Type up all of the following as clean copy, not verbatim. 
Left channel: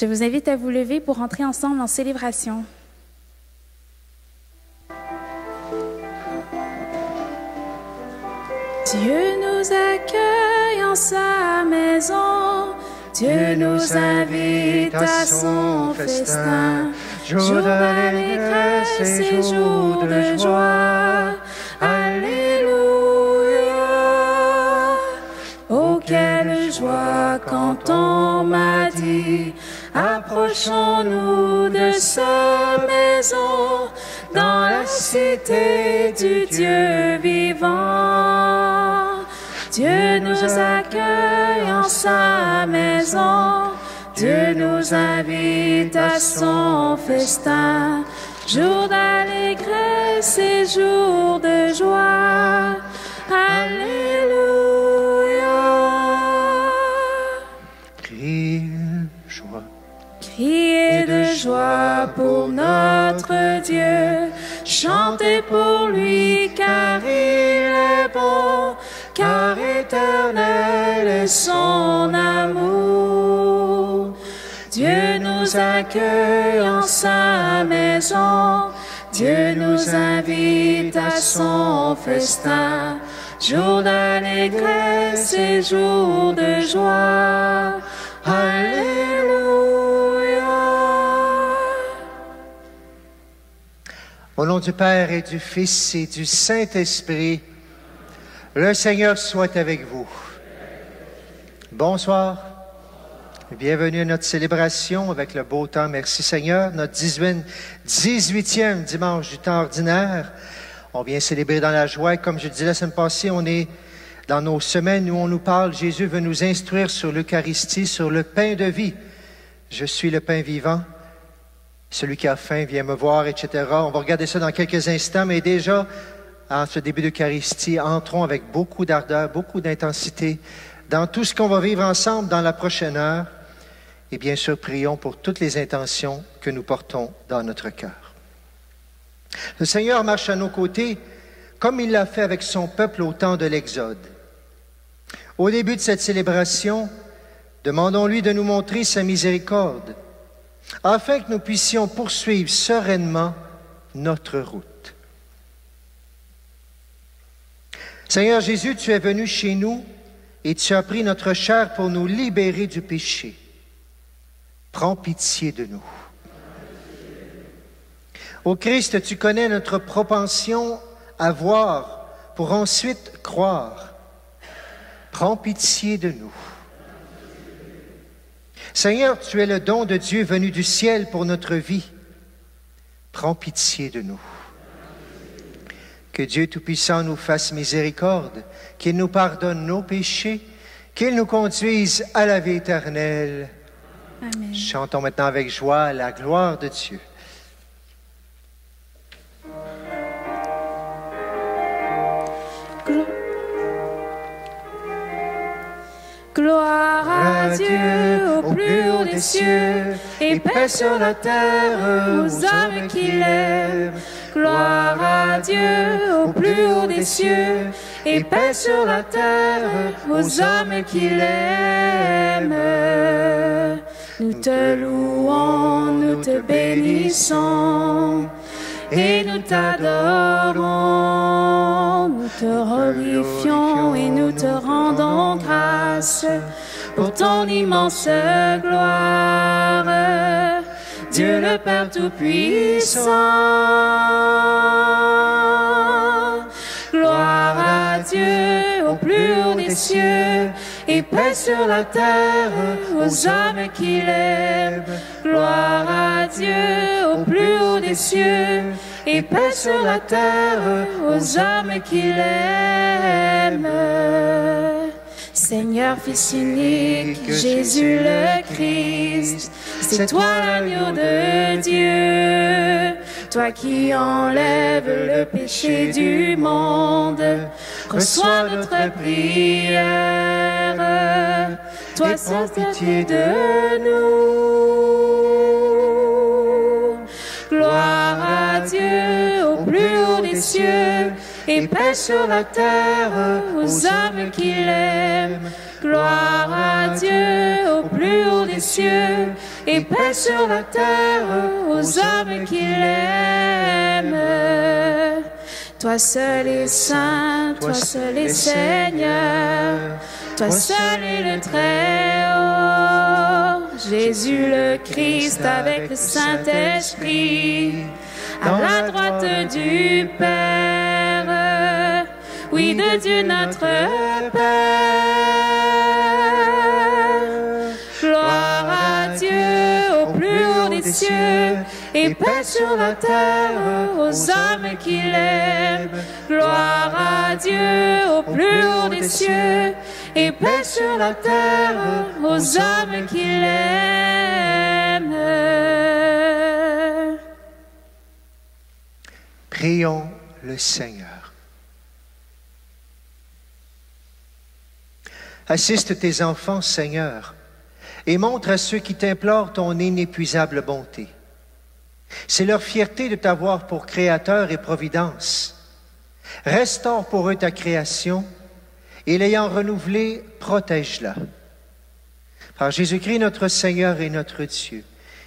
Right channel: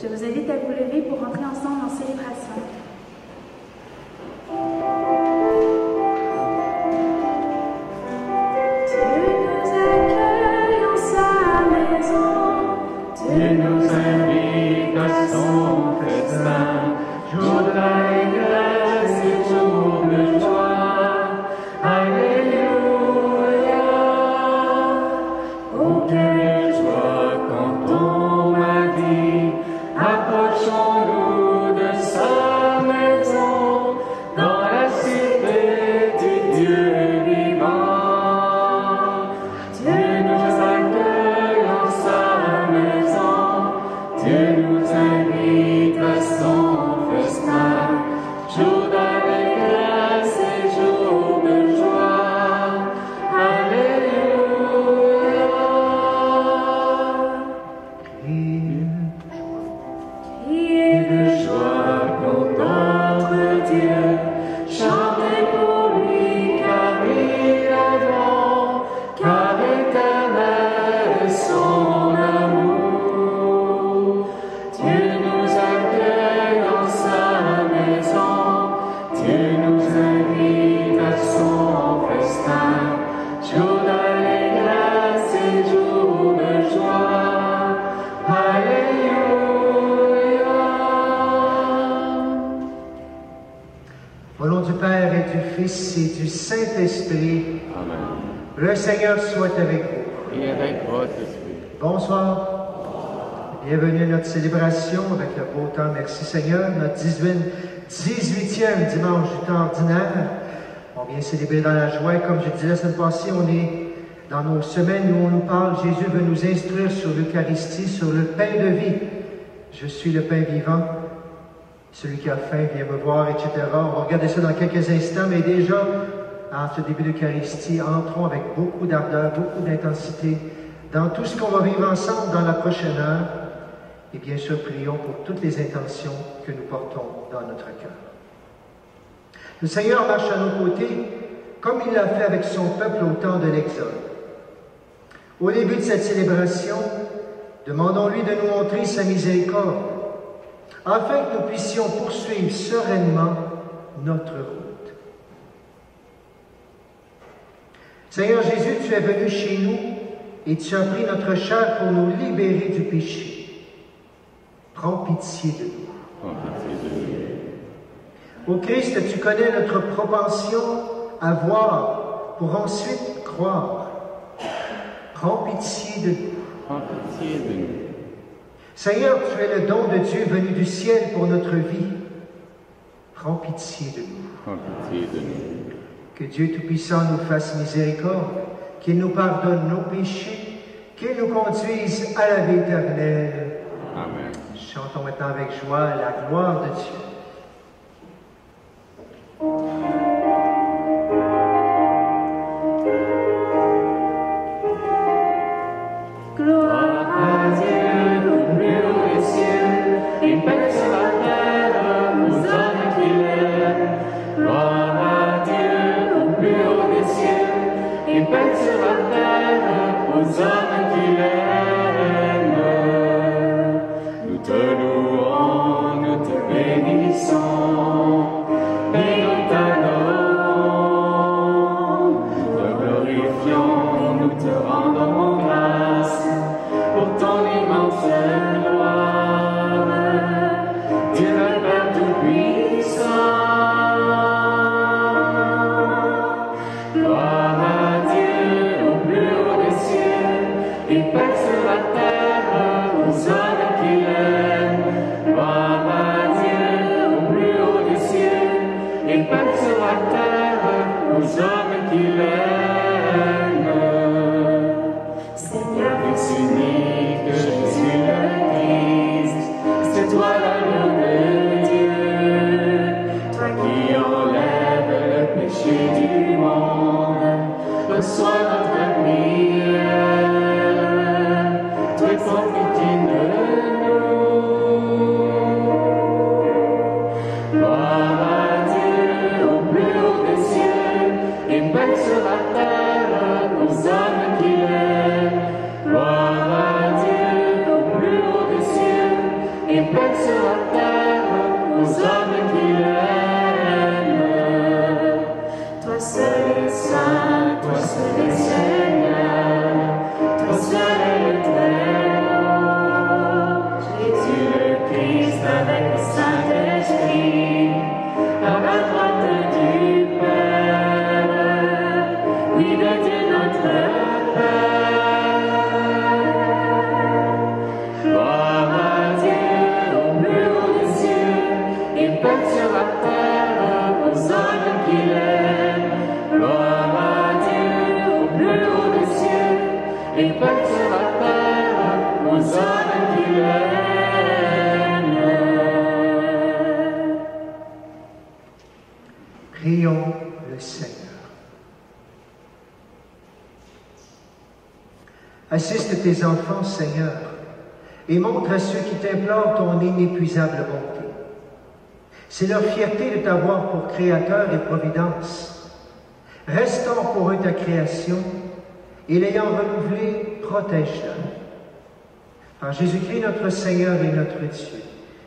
Je vous invite à vous lever pour entrer ensemble en célébration. Dieu nous accueille en sa maison, Dieu nous invite à son festin, jour d'allégresse et jour de joie. Alléluia. Oh, quelle joie quand on m'a dit, approchons-nous de sa maison, dans la cité du Dieu vivant. Dieu nous accueille en sa maison, Dieu nous invite à son festin, jour d'allégresse et jour de joie. Alléluia. Criez de joie. Criez de joie pour notre Dieu, chantez pour lui car il est bon, car éternel est son amour. Dieu nous accueille en sa maison, Dieu nous invite à son festin, jour d'allégresse et jour de joie. Alléluia. Au nom du Père et du Fils et du Saint-Esprit, le Seigneur soit avec vous. Et avec votre esprit. Bonsoir. Bienvenue à notre célébration avec le beau temps. Merci Seigneur. Notre 18e dimanche du temps ordinaire. On vient célébrer dans la joie. Comme je disais la semaine passée, on est dans nos semaines où on nous parle. Jésus veut nous instruire sur l'Eucharistie, sur le pain de vie. Je suis le pain vivant. Celui qui a faim vient me voir, etc. On va regarder ça dans quelques instants, mais déjà, en ce début d'Eucharistie, entrons avec beaucoup d'ardeur, beaucoup d'intensité dans tout ce qu'on va vivre ensemble dans la prochaine heure. Et bien sûr, prions pour toutes les intentions que nous portons dans notre cœur. Le Seigneur marche à nos côtés comme il l'a fait avec son peuple au temps de l'Exode. Au début de cette célébration, demandons-lui de nous montrer sa miséricorde, afin que nous puissions poursuivre sereinement notre route. Seigneur Jésus, tu es venu chez nous et tu as pris notre chair pour nous libérer du péché. Prends pitié de nous. Ô Christ, tu connais notre propension à voir pour ensuite croire. Prends pitié de nous. Seigneur, tu es le don de Dieu venu du ciel pour notre vie. Prends pitié de nous. Que Dieu Tout-Puissant nous fasse miséricorde, qu'il nous pardonne nos péchés, qu'il nous conduise à la vie éternelle. Amen. Chantons maintenant avec joie la gloire de Dieu. Gloire à Dieu au plus haut des cieux, et paix sur la terre aux hommes qu'il aime. Gloire à Dieu au plus haut des cieux, et paix sur la terre aux hommes qu'il aime. Nous te louons, nous te bénissons, et nous t'adorons, nous te glorifions et nous te rendons grâce pour ton immense gloire, Dieu le Père Tout-Puissant. Gloire à Dieu au plus haut des cieux, et paix sur la terre aux hommes qu'il aime. Gloire à Dieu au plus haut des cieux, et paix sur la terre aux hommes qu'il aime. Seigneur, Fils unique, Jésus le Christ, c'est toi l'agneau de Dieu, toi qui enlèves le péché du monde, reçois notre prière, toi prends pitié de nous. Gloire à Dieu au plus haut des cieux, et paix sur la terre aux hommes qu'il aime. Gloire à Dieu au plus haut des cieux, et paix sur la terre aux hommes qui l'aiment. Toi seul est saint, toi seul est Seigneur, toi seul est le Très-Haut. Jésus le Christ avec le Saint-Esprit, à la droite du Père, oui, de Dieu notre Père. Gloire à Dieu au plus haut des cieux, et paix sur la terre aux hommes qui l'aiment. Gloire à Dieu au plus haut des cieux, et paix sur la terre aux hommes qui l'aiment. Prions le Seigneur. Assiste tes enfants, Seigneur, et montre à ceux qui t'implorent ton inépuisable bonté. C'est leur fierté de t'avoir pour Créateur et Providence. Restaure pour eux ta création, et l'ayant renouvelée, protège-la. Par Jésus-Christ, notre Seigneur et notre Dieu,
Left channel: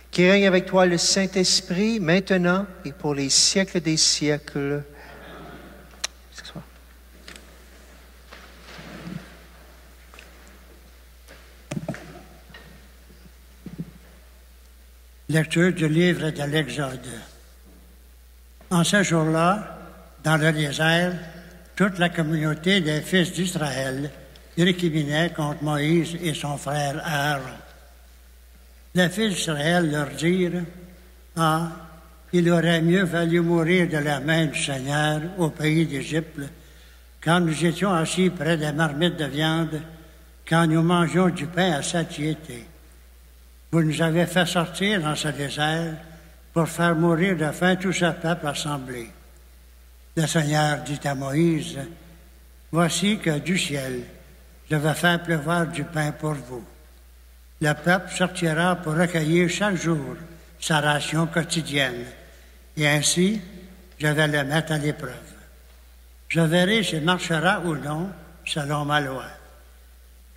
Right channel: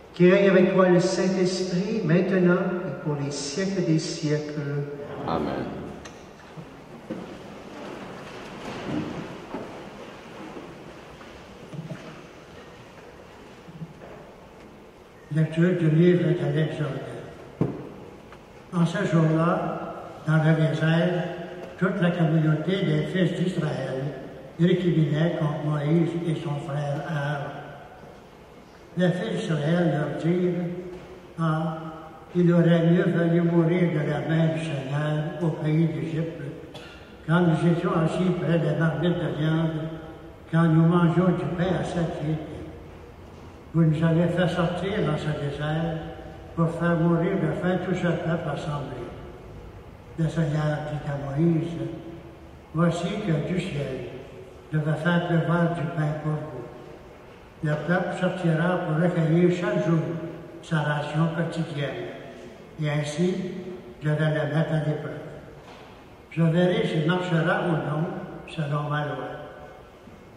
qui règne avec toi le Saint-Esprit, maintenant et pour les siècles des siècles. Amen. Lecture du livre de l'Exode. En ce jour-là, dans le désert, toute la communauté des fils d'Israël récriminait contre Moïse et son frère Aaron. Les fils d'Israël leur dirent: « Ah, il aurait mieux fallu mourir de la main du Seigneur au pays d'Égypte, quand nous étions assis près des marmites de viande, quand nous mangions du pain à satiété. Vous nous avez fait sortir dans ce désert pour faire mourir de faim tout ce peuple assemblé. » Le Seigneur dit à Moïse: « Voici que du ciel, je vais faire pleuvoir du pain pour vous. Le peuple sortira pour recueillir chaque jour sa ration quotidienne, et ainsi je vais le mettre à l'épreuve. Je verrai s'il marchera ou non selon ma loi.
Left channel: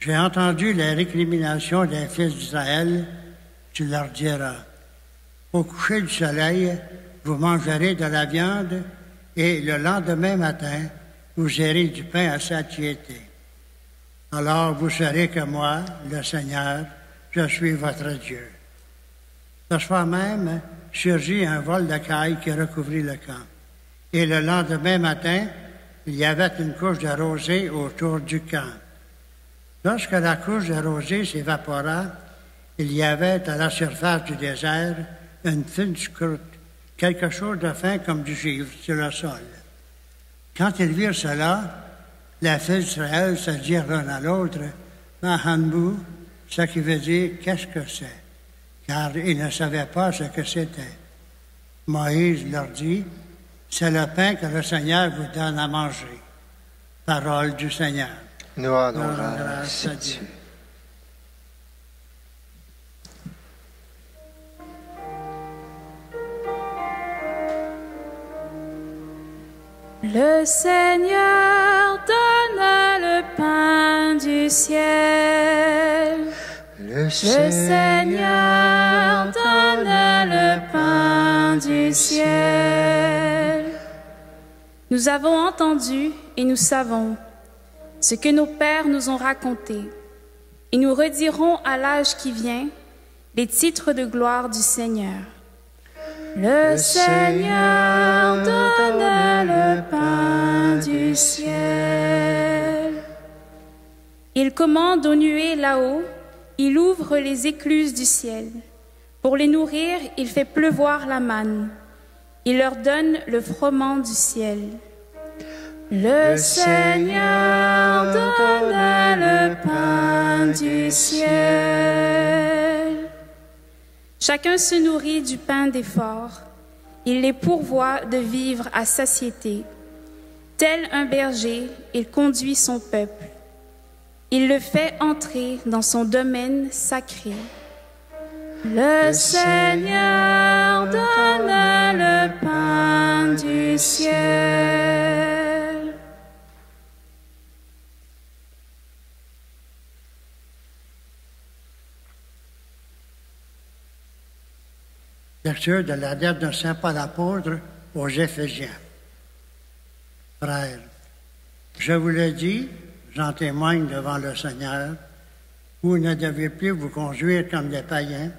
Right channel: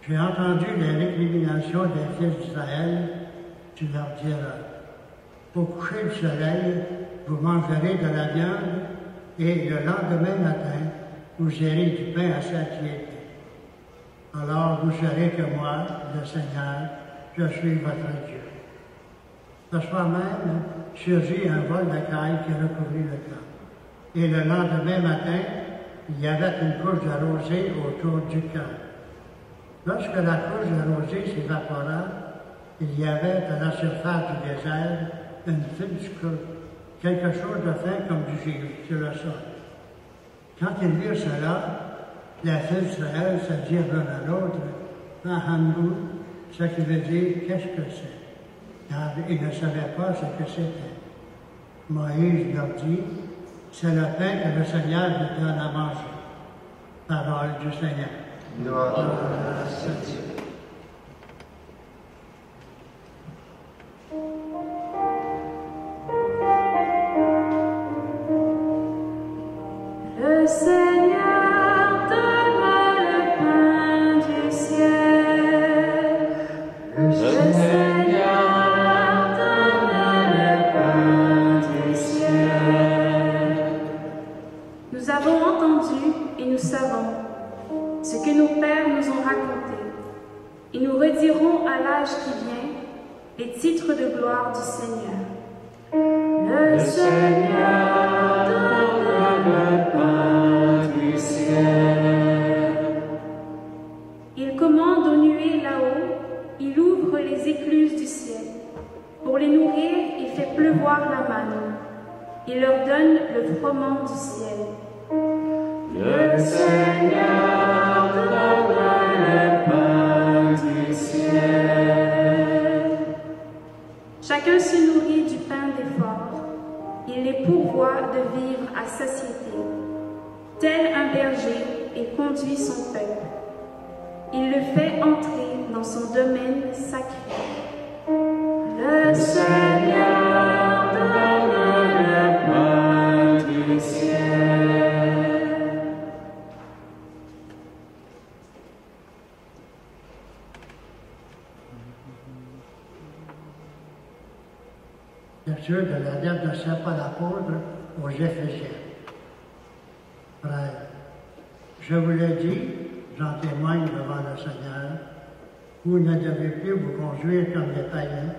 J'ai entendu les récriminations des fils d'Israël, tu leur diras: au coucher du soleil, vous mangerez de la viande, et le lendemain matin, vous aurez du pain à satiété. Alors vous saurez que moi, le Seigneur, je suis votre Dieu. » Ce soir même, surgit un vol de cailles qui recouvrit le camp. Et le lendemain matin, il y avait une couche de rosée autour du camp. Lorsque la couche de rosée s'évapora, il y avait à la surface du désert une fine croûte, quelque chose de fin comme du givre sur le sol. Quand ils virent cela, les fils d'Israël se dirent l'un à l'autre: « Mahanbou », ce qui veut dire « qu'est-ce que c'est ?» car ils ne savaient pas ce que c'était. Moïse leur dit: « C'est le pain que le Seigneur vous donne à manger. » Parole du Seigneur. Nous rendons grâce à Dieu. Le Seigneur donne le pain du ciel. Le Seigneur donne le pain du ciel. Nous avons entendu et nous savons ce que nos pères nous ont raconté, et nous redirons à l'âge qui vient les titres de gloire du Seigneur. Le Seigneur donne le pain du ciel. Il commande aux nuées là-haut, il ouvre les écluses du ciel. Pour les nourrir, il fait pleuvoir la manne. Il leur donne le froment du ciel. Le Seigneur donne le pain du ciel. Chacun se nourrit du pain d'effort. Il les pourvoit de vivre à satiété. Tel un berger, il conduit son peuple. Il le fait entrer dans son domaine sacré. Le Seigneur donne le pain du ciel. Lecture de la lettre de Saint Paul apôtre aux Éphésiens. Frères, je vous le dis, j'en témoigne devant le Seigneur, vous ne devez plus vous conduire comme des païens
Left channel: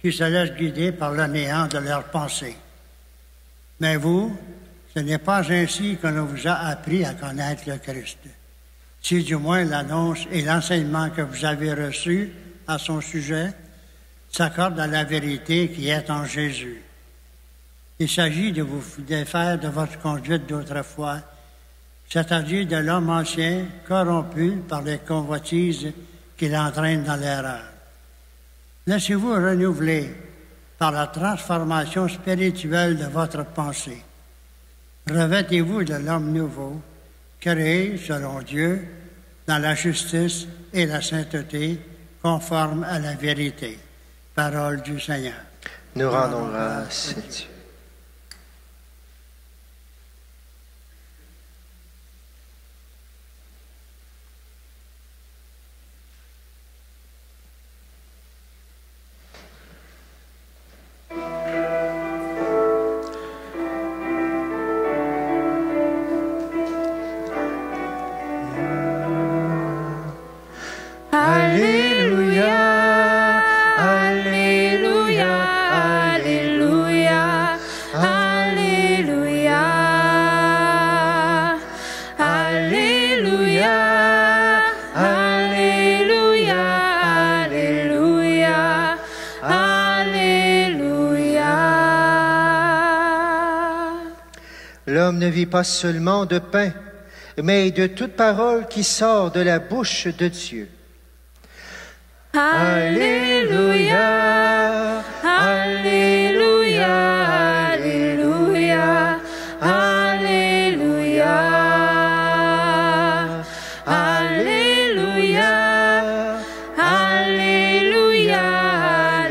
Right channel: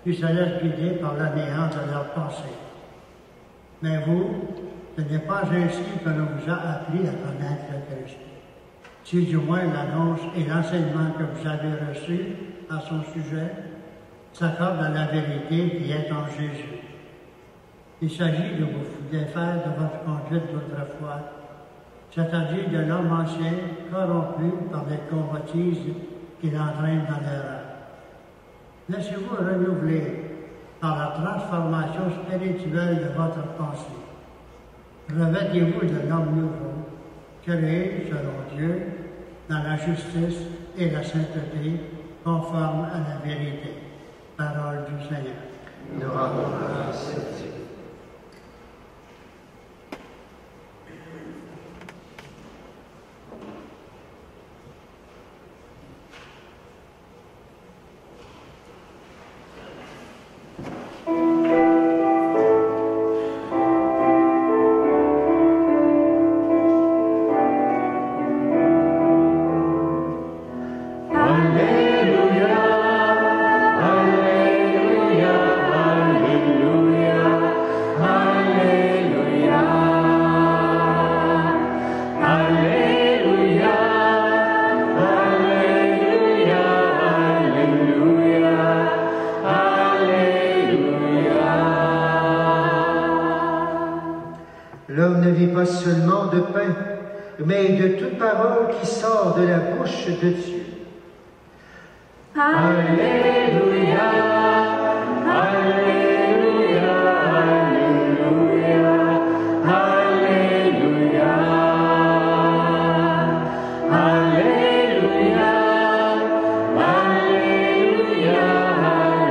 qui se laissent guider par le néant de leurs pensées. Mais vous, ce n'est pas ainsi qu'on vous a appris à connaître le Christ. Si du moins l'annonce et l'enseignement que vous avez reçus à son sujet s'accordent à la vérité qui est en Jésus. Il s'agit de vous défaire de votre conduite d'autrefois, c'est-à-dire de l'homme ancien corrompu par les convoitises qui l'entraînent dans l'erreur. Laissez-vous renouveler par la transformation spirituelle de votre pensée. Revêtez-vous de l'homme nouveau, créé selon Dieu, dans la justice et la sainteté, conforme à la vérité. Parole du Seigneur. Nous rendons grâce à Dieu. L'homme ne vit pas seulement de pain, mais de toute parole qui sort de la bouche de Dieu. Alléluia, Alléluia, Alléluia, Alléluia, Alléluia, Alléluia,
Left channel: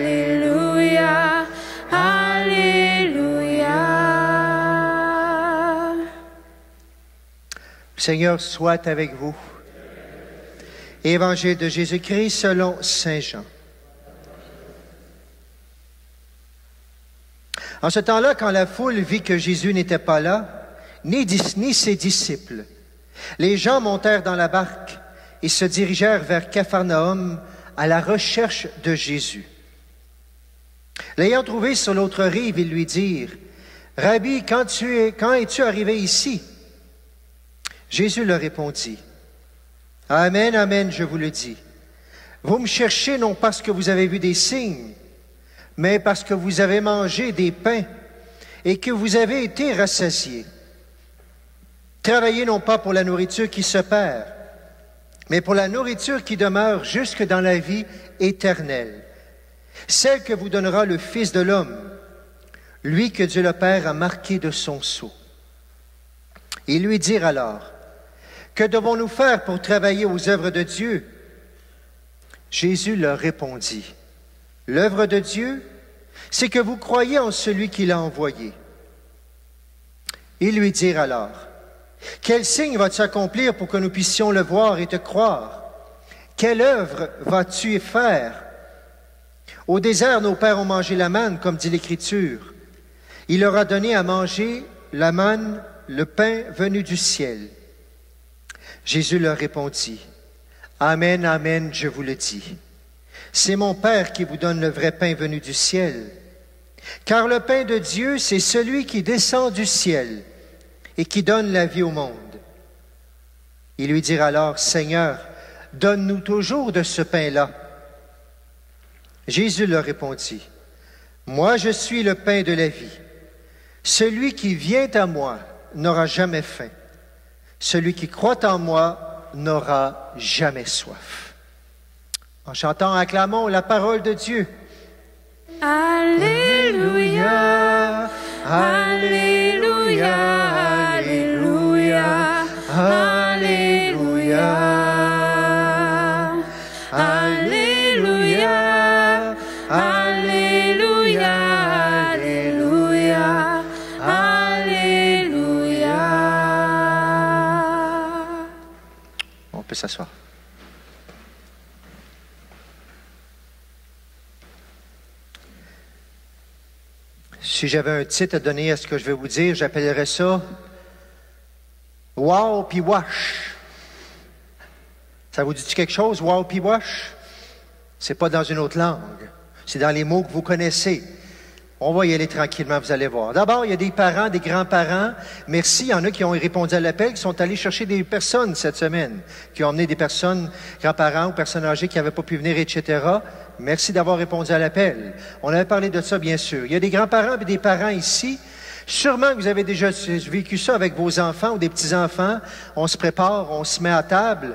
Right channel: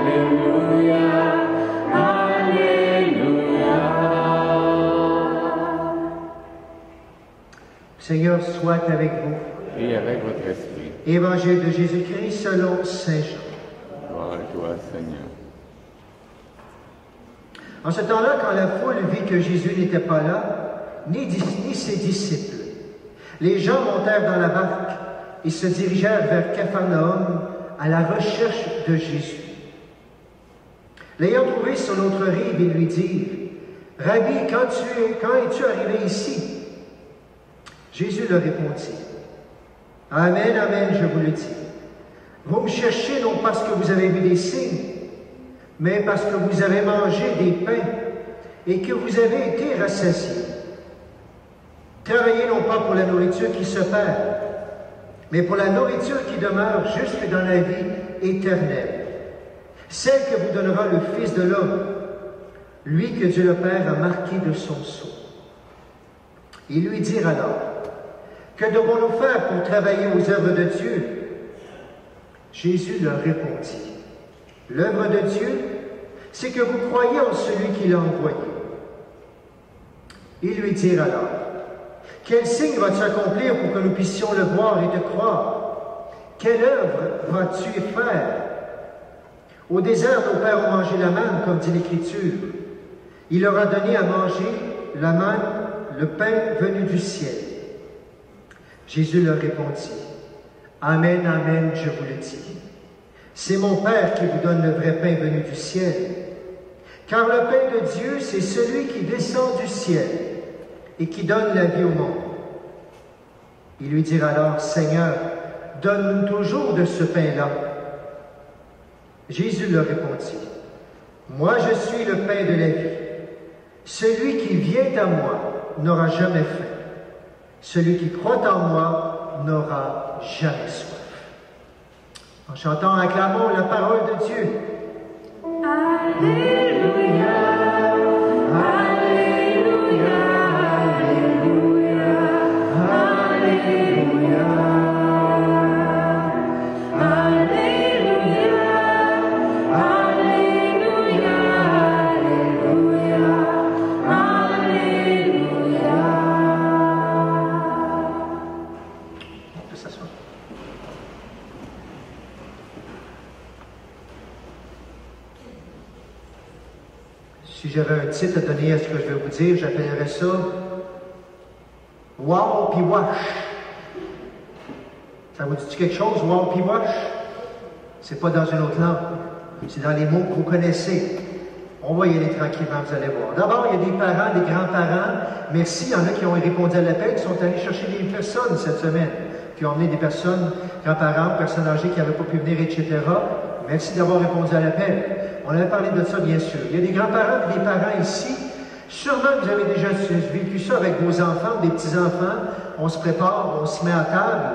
Alléluia, Alléluia. Seigneur soit avec vous. Et avec votre esprit. Évangile de Jésus-Christ selon Saint Jean. Gloire à toi, Seigneur. En ce temps-là, quand la foule vit que Jésus n'était pas là, ni ses disciples, les gens montèrent dans la barque et se dirigèrent vers Capharnaüm à la recherche de Jésus. L'ayant trouvé sur l'autre rive, ils lui dirent, « Rabbi, quand es-tu arrivé ici? » Jésus leur répondit, « Amen, amen, je vous le dis. Vous me cherchez non parce que vous avez vu des signes, mais parce que vous avez mangé des pains et que vous avez été rassasiés. Travaillez non pas pour la nourriture qui se perd, mais pour la nourriture qui demeure jusque dans la vie éternelle, celle que vous donnera le Fils de l'homme, lui que Dieu le Père a marqué de son sceau. » Ils lui dirent alors, « Que devons-nous faire pour travailler aux œuvres de Dieu? » Jésus leur répondit, « L'œuvre de Dieu, c'est que vous croyez en celui qui l'a envoyé. » Ils lui dirent alors, « Quel signe vas-tu accomplir pour que nous puissions le voir et te croire? Quelle œuvre vas-tu faire? Au désert, nos pères ont mangé la manne, comme dit l'Écriture. Il leur a donné à manger la manne, le pain venu du ciel. » Jésus leur répondit, « Amen, amen, je vous le dis. C'est mon Père qui vous donne le vrai pain venu du ciel. Car le pain de Dieu, c'est celui qui descend du ciel et qui donne la vie au monde. » Ils lui dirent alors, « Seigneur, donne-nous toujours de ce pain-là. » Jésus leur répondit, « Moi, je suis le pain de la vie. Celui qui vient à moi n'aura jamais faim. Celui qui croit en moi n'aura jamais soif. » En chantant, acclamons la parole de Dieu. Alléluia, Alléluia, Alléluia, Alléluia, Alléluia, Alléluia, Alléluia, Alléluia. On peut s'asseoir. Si j'avais un titre à donner à ce que je vais vous dire, j'appellerais ça « Wow puis wash ». Ça vous dit quelque chose, « Wow puis wash »? C'est pas dans une autre langue. C'est dans les mots que vous connaissez. On va y aller tranquillement, vous allez voir. D'abord, il y a des parents, des grands-parents. Merci, il y en a qui ont répondu à l'appel, qui sont allés chercher des personnes cette semaine, qui ont emmené des personnes, grands-parents, personnes âgées qui n'avaient pas pu venir, etc. Merci d'avoir répondu à l'appel. On avait parlé de ça, bien sûr. Il y a des grands-parents et des parents ici. Sûrement que vous avez déjà vécu ça avec vos enfants ou des petits-enfants. On se prépare, on se met à table.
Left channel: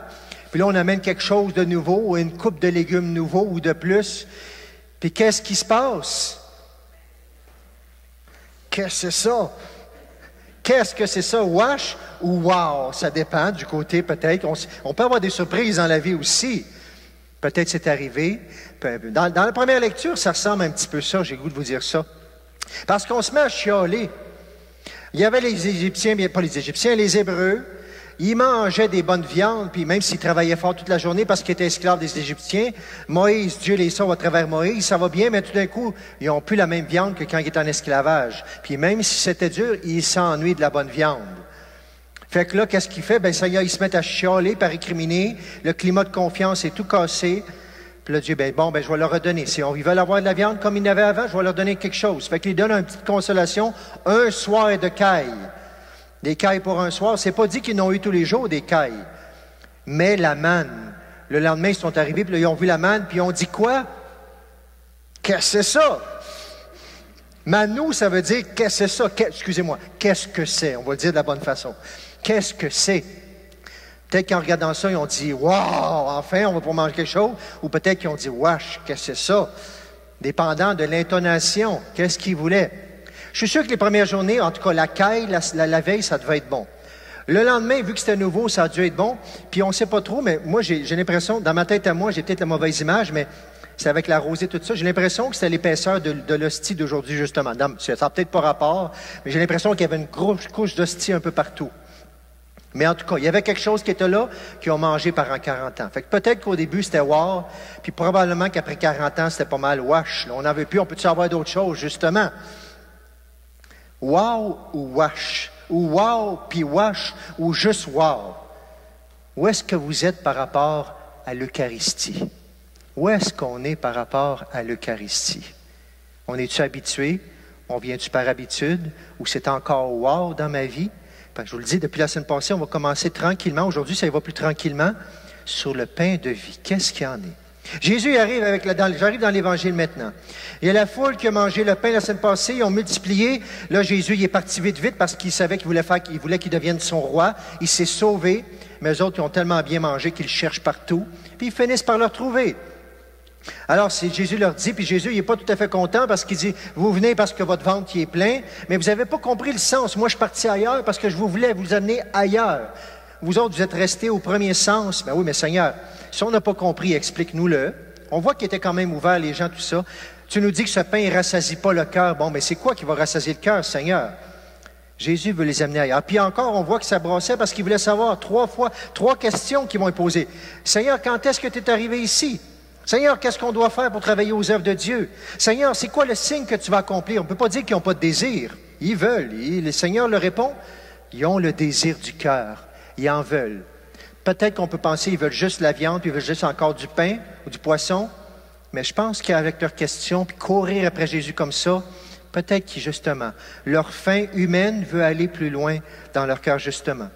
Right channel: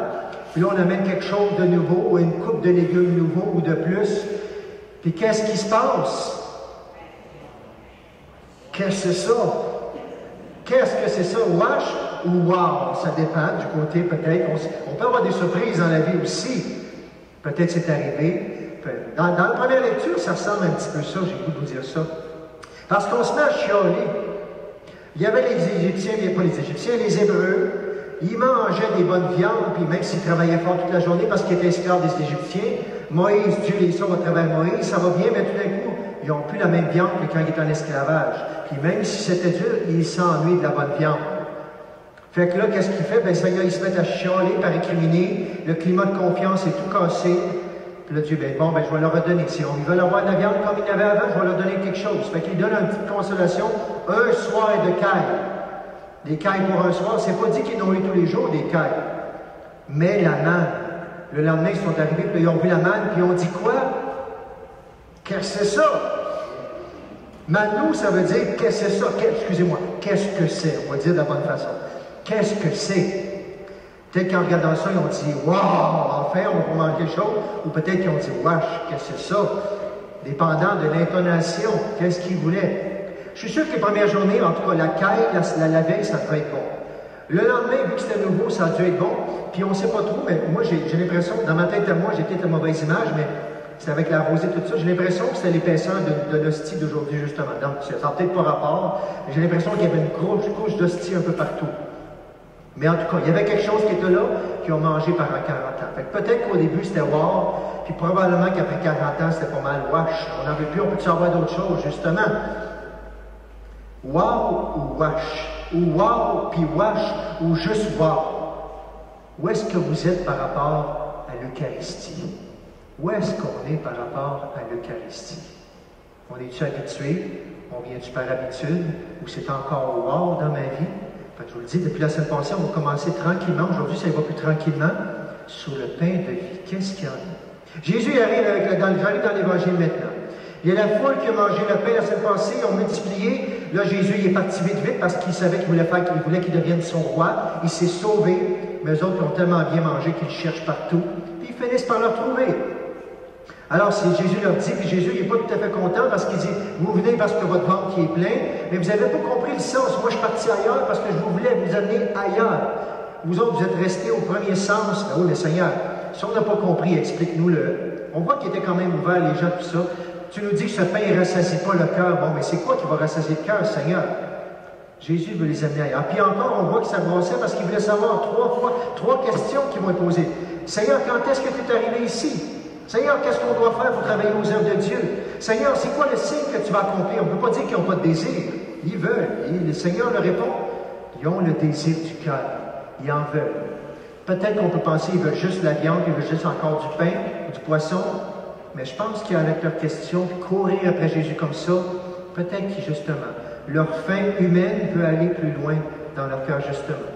Puis là, on amène quelque chose de nouveau, ou une coupe de légumes nouveaux ou de plus. Puis qu'est-ce qui se passe? Qu'est-ce que c'est ça? Qu'est-ce que c'est ça? Wash ou wow? Ça dépend du côté, peut-être. On peut avoir des surprises dans la vie aussi. Peut-être c'est arrivé. Dans la première lecture, ça ressemble un petit peu ça, j'ai le goût de vous dire ça. Parce qu'on se met à chialer. Il y avait les Égyptiens, bien pas les Égyptiens, les Hébreux. Ils mangeaient des bonnes viandes, puis même s'ils travaillaient fort toute la journée parce qu'ils étaient esclaves des Égyptiens, Moïse, Dieu les sauve à travers Moïse, ça va bien, mais tout d'un coup, ils n'ont plus la même viande que quand ils étaient en esclavage. Puis même si c'était dur, ils s'ennuient de la bonne viande. Fait que là, qu'est-ce qu'il fait? Bien, ça y est, ils se mettent à chialer, par récriminer. Le climat de confiance est tout cassé. Puis là, Dieu, je vais leur redonner. Si ils veulent avoir de la viande comme ils n'avaient avant, je vais leur donner quelque chose. Fait qu'il donne une petite consolation, un soir de caille. Des cailles pour un soir, c'est pas dit qu'ils n'ont eu tous les jours des cailles. Mais la manne. Le lendemain, ils sont arrivés, puis là, ils ont vu la manne, puis ils ont dit quoi? Qu'est-ce que c'est ça? Manou, ça veut dire qu'est-ce que c'est ça? Excusez-moi, qu'est-ce que c'est? On va le dire de la bonne façon. Qu'est-ce que c'est? Peut-être qu'en regardant ça, ils ont dit « Wow! Enfin, on va pouvoir manger quelque chose. » Ou peut-être qu'ils ont dit « Wesh, qu'est-ce que c'est ça? » Dépendant de l'intonation, qu'est-ce qu'ils voulaient. Je suis sûr que les premières journées, en tout cas la caille, la veille, ça devait être bon. Le lendemain, vu que c'était nouveau, ça a dû être bon. Puis on ne sait pas trop, mais moi, j'ai l'impression, dans ma tête à moi, j'ai peut-être une mauvaise image, mais c'est avec la rosée, tout ça. J'ai l'impression que c'était l'épaisseur de l'hostie d'aujourd'hui, justement. Ça n'a peut-être pas rapport, mais j'ai l'impression qu'il y avait une grosse couche d'hostie un peu partout. Mais en tout cas, il y avait quelque chose qui était là, qui ont mangé pendant 40 ans. Fait que peut-être qu'au début, c'était wow, puis probablement qu'après 40 ans, c'était pas mal wash. On n'en veut plus, on peut-tu avoir d'autres choses, justement? Wow ou wash? Ou wow puis wash? Ou juste wow? Où est-ce que vous êtes par rapport à l'Eucharistie? Où est-ce qu'on est par rapport à l'Eucharistie? On est-tu habitué? On vient-tu par habitude? Ou c'est encore wow dans ma vie? Fait que je vous le dis, depuis la semaine passée, on va commencer tranquillement. Aujourd'hui, ça va plus tranquillement. Sur le pain de vie. Qu'est-ce qu'il y en a? Jésus arrive j'arrive dans l'Évangile maintenant. Il y a la foule qui a mangé le pain la semaine passée, ils ont multiplié. Là, Jésus, il est parti vite parce qu'il savait qu'il voulait qu'il devienne son roi. Il s'est sauvé, mais eux autres, ils ont tellement bien mangé qu'ils le cherchent partout. Puis ils finissent par le retrouver. Alors, Jésus leur dit, puis Jésus, il n'est pas tout à fait content parce qu'il dit, vous venez parce que votre ventre est plein, mais vous n'avez pas compris le sens. Moi, je suis parti ailleurs parce que je voulais vous amener ailleurs. Vous autres, vous êtes restés au premier sens. Ben oui, mais Seigneur, si on n'a pas compris, explique-nous-le. On voit qu'il était quand même ouvert, les gens, tout ça. Tu nous dis que ce pain ne rassasie pas le cœur. Bon, mais c'est quoi qui va rassasier le cœur, Seigneur? Jésus veut les amener ailleurs. Puis encore, on voit que ça brossait parce qu'il voulait savoir trois questions qu'ils vont lui poser. Seigneur, quand est-ce que tu es arrivé ici? Seigneur, qu'est-ce qu'on doit faire pour travailler aux œuvres de Dieu? Seigneur, c'est quoi le signe que tu vas accomplir? On ne peut pas dire qu'ils n'ont pas de désir. Ils veulent. Et le Seigneur leur répond, ils ont le désir du cœur. Ils en veulent. Peut-être qu'on peut penser qu'ils veulent juste la viande, ils veulent juste encore du pain ou du poisson. Mais je pense qu'avec leurs questions, puis courir après Jésus comme ça, peut-être qu'ils, justement, leur faim humaine veut aller plus loin dans leur cœur, justement.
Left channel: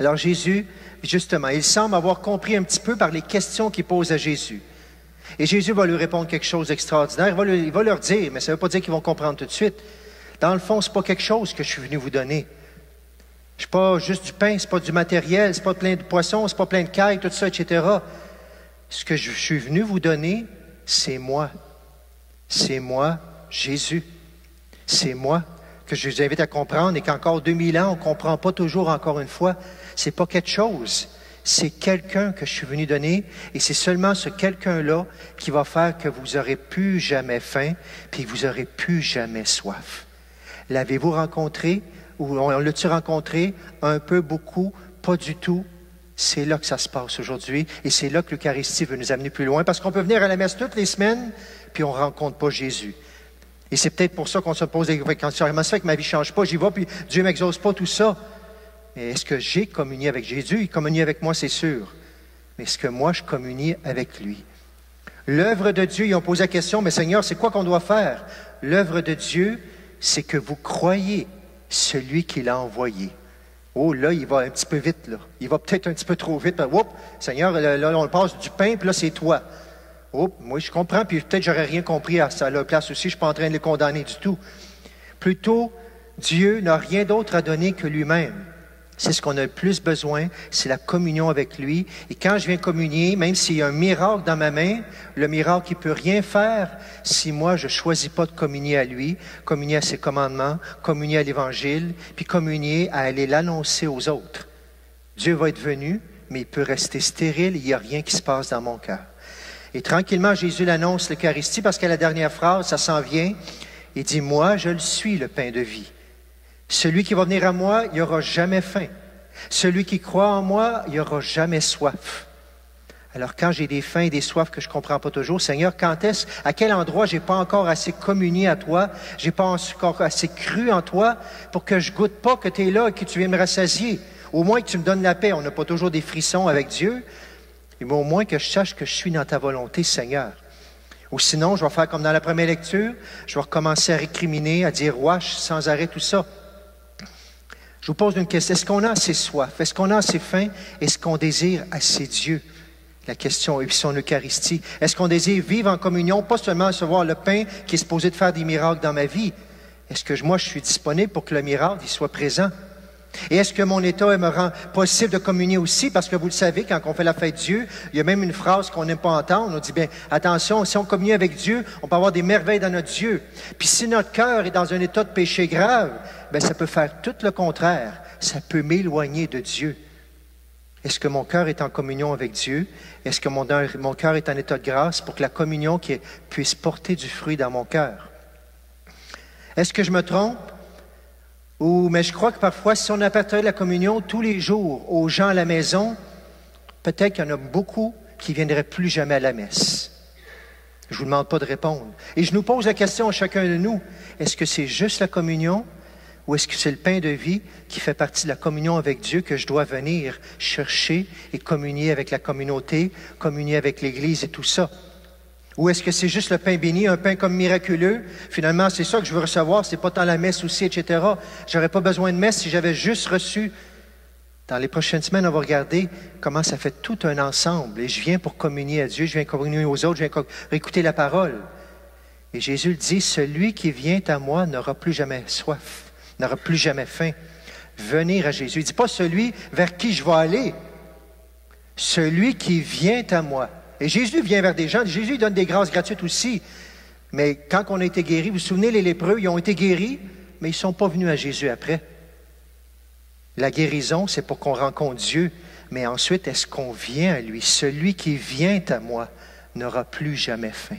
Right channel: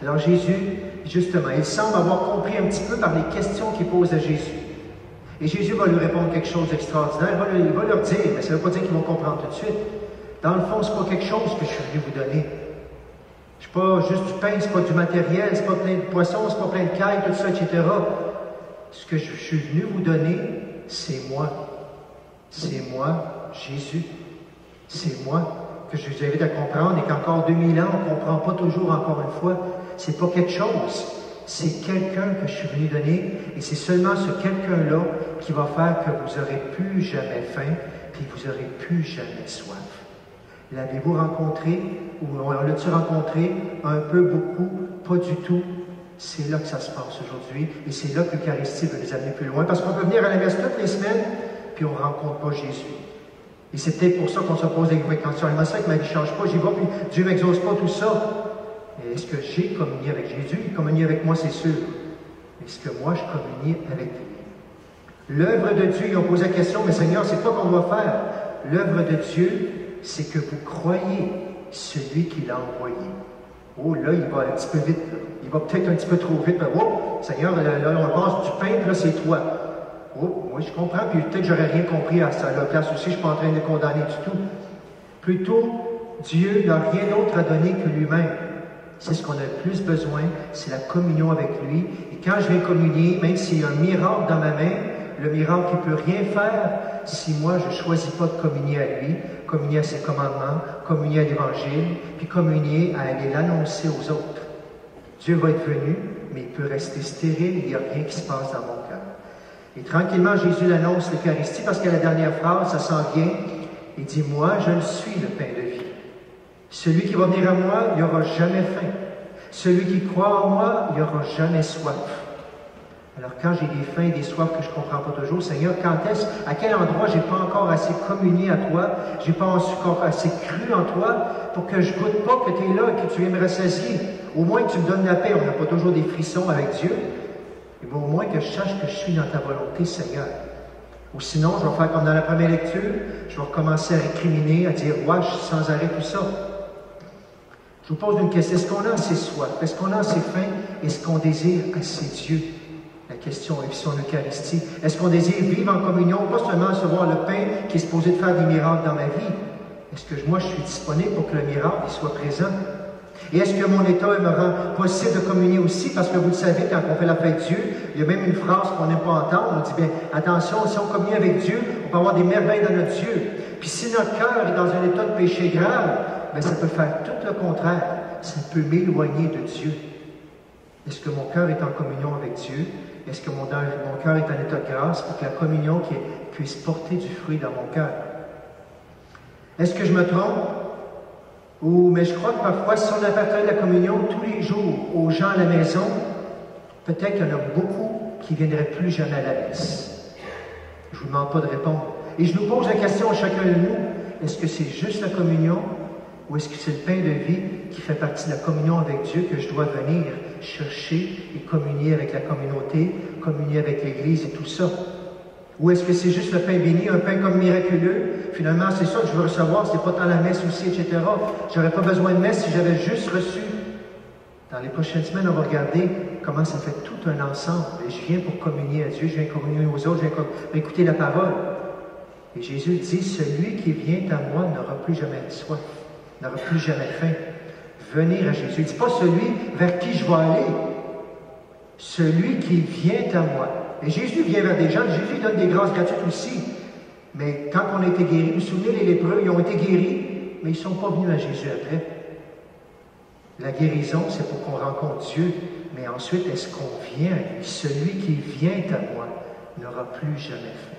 Alors Jésus, justement, il semble avoir compris un petit peu par les questions qu'il pose à Jésus. Et Jésus va lui répondre quelque chose d'extraordinaire. Il va leur dire, mais ça ne veut pas dire qu'ils vont comprendre tout de suite. Dans le fond, ce n'est pas quelque chose que je suis venu vous donner. Je ne suis pas juste du pain, ce n'est pas du matériel, ce n'est pas plein de poissons, ce n'est pas plein de cailles, tout ça, etc. Ce que je suis venu vous donner, c'est moi. C'est moi, Jésus. C'est moi que je vous invite à comprendre et qu'encore 2000 ans, on ne comprend pas toujours encore une fois. Ce n'est pas quelque chose. C'est quelqu'un que je suis venu donner et c'est seulement ce quelqu'un-là qui va faire que vous n'aurez plus jamais faim puis vous n'aurez plus jamais soif. L'avez-vous rencontré ou l'a-tu rencontré un peu, beaucoup, pas du tout? C'est là que ça se passe aujourd'hui et c'est là que l'Eucharistie veut nous amener plus loin parce qu'on peut venir à la messe toutes les semaines puis on ne rencontre pas Jésus. Et c'est peut-être pour ça qu'on se pose des questions. Comment ça fait que ma vie ne change pas? J'y vais, puis Dieu ne m'exauce pas tout ça. Et est-ce que j'ai communié avec Jésus? Il communie avec moi, c'est sûr. Mais est-ce que moi, je communie avec lui? L'œuvre de Dieu, ils ont posé la question, mais Seigneur, c'est quoi qu'on doit faire? L'œuvre de Dieu, c'est que vous croyez celui qui l'a envoyé. Oh, là, il va un petit peu vite, là. Il va peut-être un petit peu trop vite. Oh, Seigneur, là, on passe du pain, puis là, c'est toi. Oh, moi, je comprends, puis peut-être j'aurais rien compris à sa place aussi. Je ne suis pas en train de le condamner du tout. Plutôt, Dieu n'a rien d'autre à donner que lui-même. C'est ce qu'on a le plus besoin, c'est la communion avec lui. Et quand je viens communier, même s'il y a un miracle dans ma main, le miracle qui ne peut rien faire si moi je ne choisis pas de communier à lui, communier à ses commandements, communier à l'Évangile, puis communier à aller l'annoncer aux autres. Dieu va être venu, mais il peut rester stérile, il n'y a rien qui se passe dans mon cœur. Et tranquillement, Jésus l'annonce l'Eucharistie, parce que la dernière phrase, ça s'en vient, il dit « Moi, je le suis, le pain de vie. Celui qui va venir à moi, il n'y aura jamais faim. Celui qui croit en moi, il n'y aura jamais soif. » Alors, quand j'ai des faims et des soifs que je ne comprends pas toujours, Seigneur, à quel endroit je n'ai pas encore assez communié à toi, je n'ai pas encore assez cru en toi pour que je ne goûte pas que tu es là et que tu viens me rassasier. Au moins que tu me donnes la paix. On n'a pas toujours des frissons avec Dieu, mais au moins que je sache que je suis dans ta volonté, Seigneur. Ou sinon, je vais faire comme dans la première lecture, je vais recommencer à récriminer, à dire « Wesh » sans arrêt tout ça. Je vous pose une question. Est-ce qu'on a assez soif? Est-ce qu'on a assez faim? Est-ce qu'on désire assez Dieu? La question est son Eucharistie. Est-ce qu'on désire vivre en communion, pas seulement recevoir le pain qui est supposé de faire des miracles dans ma vie? Est-ce que moi, je suis disponible pour que le miracle il soit présent? Et est-ce que mon état me rend possible de communier aussi? Parce que vous le savez, quand on fait la fête de Dieu, il y a même une phrase qu'on n'aime pas entendre. On dit, bien, attention, si on communie avec Dieu, on peut avoir des merveilles dans notre Dieu. Puis si notre cœur est dans un état de péché grave, bien, ça peut faire tout le contraire. Ça peut m'éloigner de Dieu. Est-ce que mon cœur est en communion avec Dieu? Est-ce que mon cœur est en état de grâce pour que la communion puisse porter du fruit dans mon cœur? Est-ce que je me trompe? Mais je crois que parfois, si on appartenait la communion tous les jours aux gens à la maison, peut-être qu'il y en a beaucoup qui ne viendraient plus jamais à la messe. Je ne vous demande pas de répondre. Et je nous pose la question à chacun de nous, est-ce que c'est juste la communion ou est-ce que c'est le pain de vie qui fait partie de la communion avec Dieu que je dois venir chercher et communier avec la communauté, communier avec l'Église et tout ça? Ou est-ce que c'est juste le pain béni, un pain comme miraculeux? Finalement, c'est ça que je veux recevoir, c'est pas tant la messe aussi, etc. J'aurais pas besoin de messe si j'avais juste reçu. Dans les prochaines semaines, on va regarder comment ça fait tout un ensemble. Et je viens pour communier à Dieu, je viens communier aux autres, je viens pour écouter la parole. Et Jésus le dit, celui qui vient à moi n'aura plus jamais soif, n'aura plus jamais faim. Venir à Jésus. Il ne dit pas celui vers qui je vais aller, celui qui vient à moi. Et Jésus vient vers des gens, Jésus donne des grâces gratuites aussi. Mais quand on a été guéris, vous vous souvenez, les lépreux, ils ont été guéris, mais ils ne sont pas venus à Jésus après. La guérison, c'est pour qu'on rencontre Dieu, mais ensuite, est-ce qu'on vient à lui? Celui qui vient à moi n'aura plus jamais faim.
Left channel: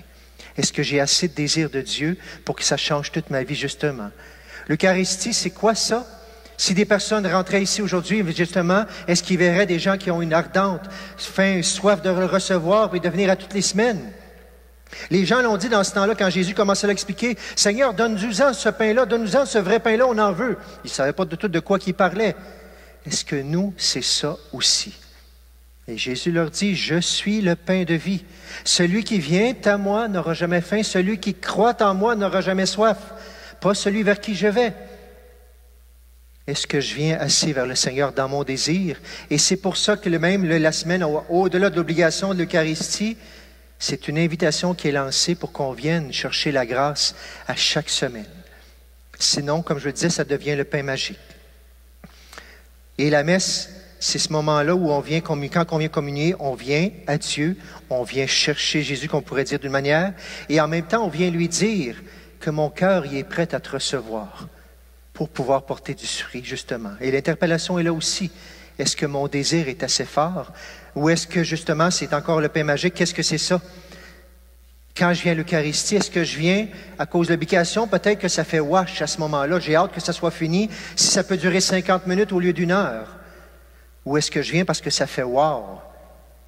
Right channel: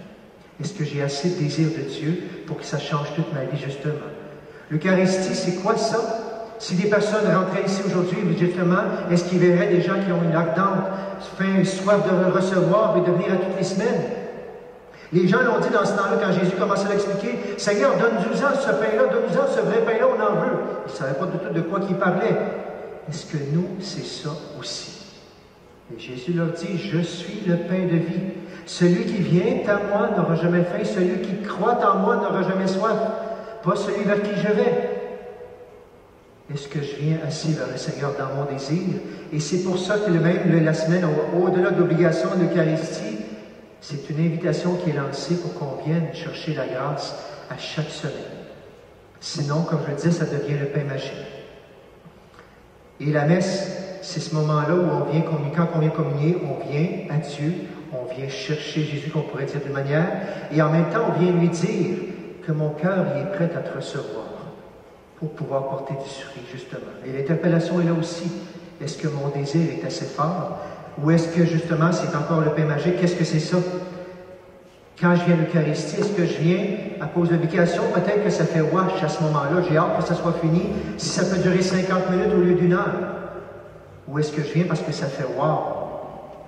Est-ce que j'ai assez de désir de Dieu pour que ça change toute ma vie, justement? L'Eucharistie, c'est quoi ça? Si des personnes rentraient ici aujourd'hui, justement, est-ce qu'ils verraient des gens qui ont une ardente faim, soif de le recevoir et de venir à toutes les semaines? Les gens l'ont dit dans ce temps-là, quand Jésus commençait à l'expliquer, « Seigneur, donne-nous-en ce pain-là, donne-nous-en ce vrai pain-là, on en veut. » Ils ne savaient pas de tout de quoi il parlait. Est-ce que nous, c'est ça aussi? Et Jésus leur dit, « Je suis le pain de vie. Celui qui vient à moi n'aura jamais faim. Celui qui croit en moi n'aura jamais soif. Pas celui vers qui je vais. » Est-ce que je viens assis vers le Seigneur dans mon désir? Et c'est pour ça que la semaine, au-delà de l'obligation de l'Eucharistie, c'est une invitation qui est lancée pour qu'on vienne chercher la grâce à chaque semaine. Sinon, comme je le disais, ça devient le pain magique. Et la messe, c'est ce moment-là où on vient, quand on vient communier, on vient à Dieu, on vient chercher Jésus, qu'on pourrait dire d'une manière, et en même temps, on vient lui dire que mon cœur y est prêt à te recevoir pour pouvoir porter du fruit, justement. Et l'interpellation est là aussi. Est-ce que mon désir est assez fort? Ou est-ce que, justement, c'est encore le pain magique? Qu'est-ce que c'est ça? Quand je viens à l'Eucharistie, est-ce que je viens à cause de l'obligation? Peut-être que ça fait wash à ce moment-là. J'ai hâte que ça soit fini. Si ça peut durer 50 minutes au lieu d'1 heure. Ou est-ce que je viens parce que ça fait wow?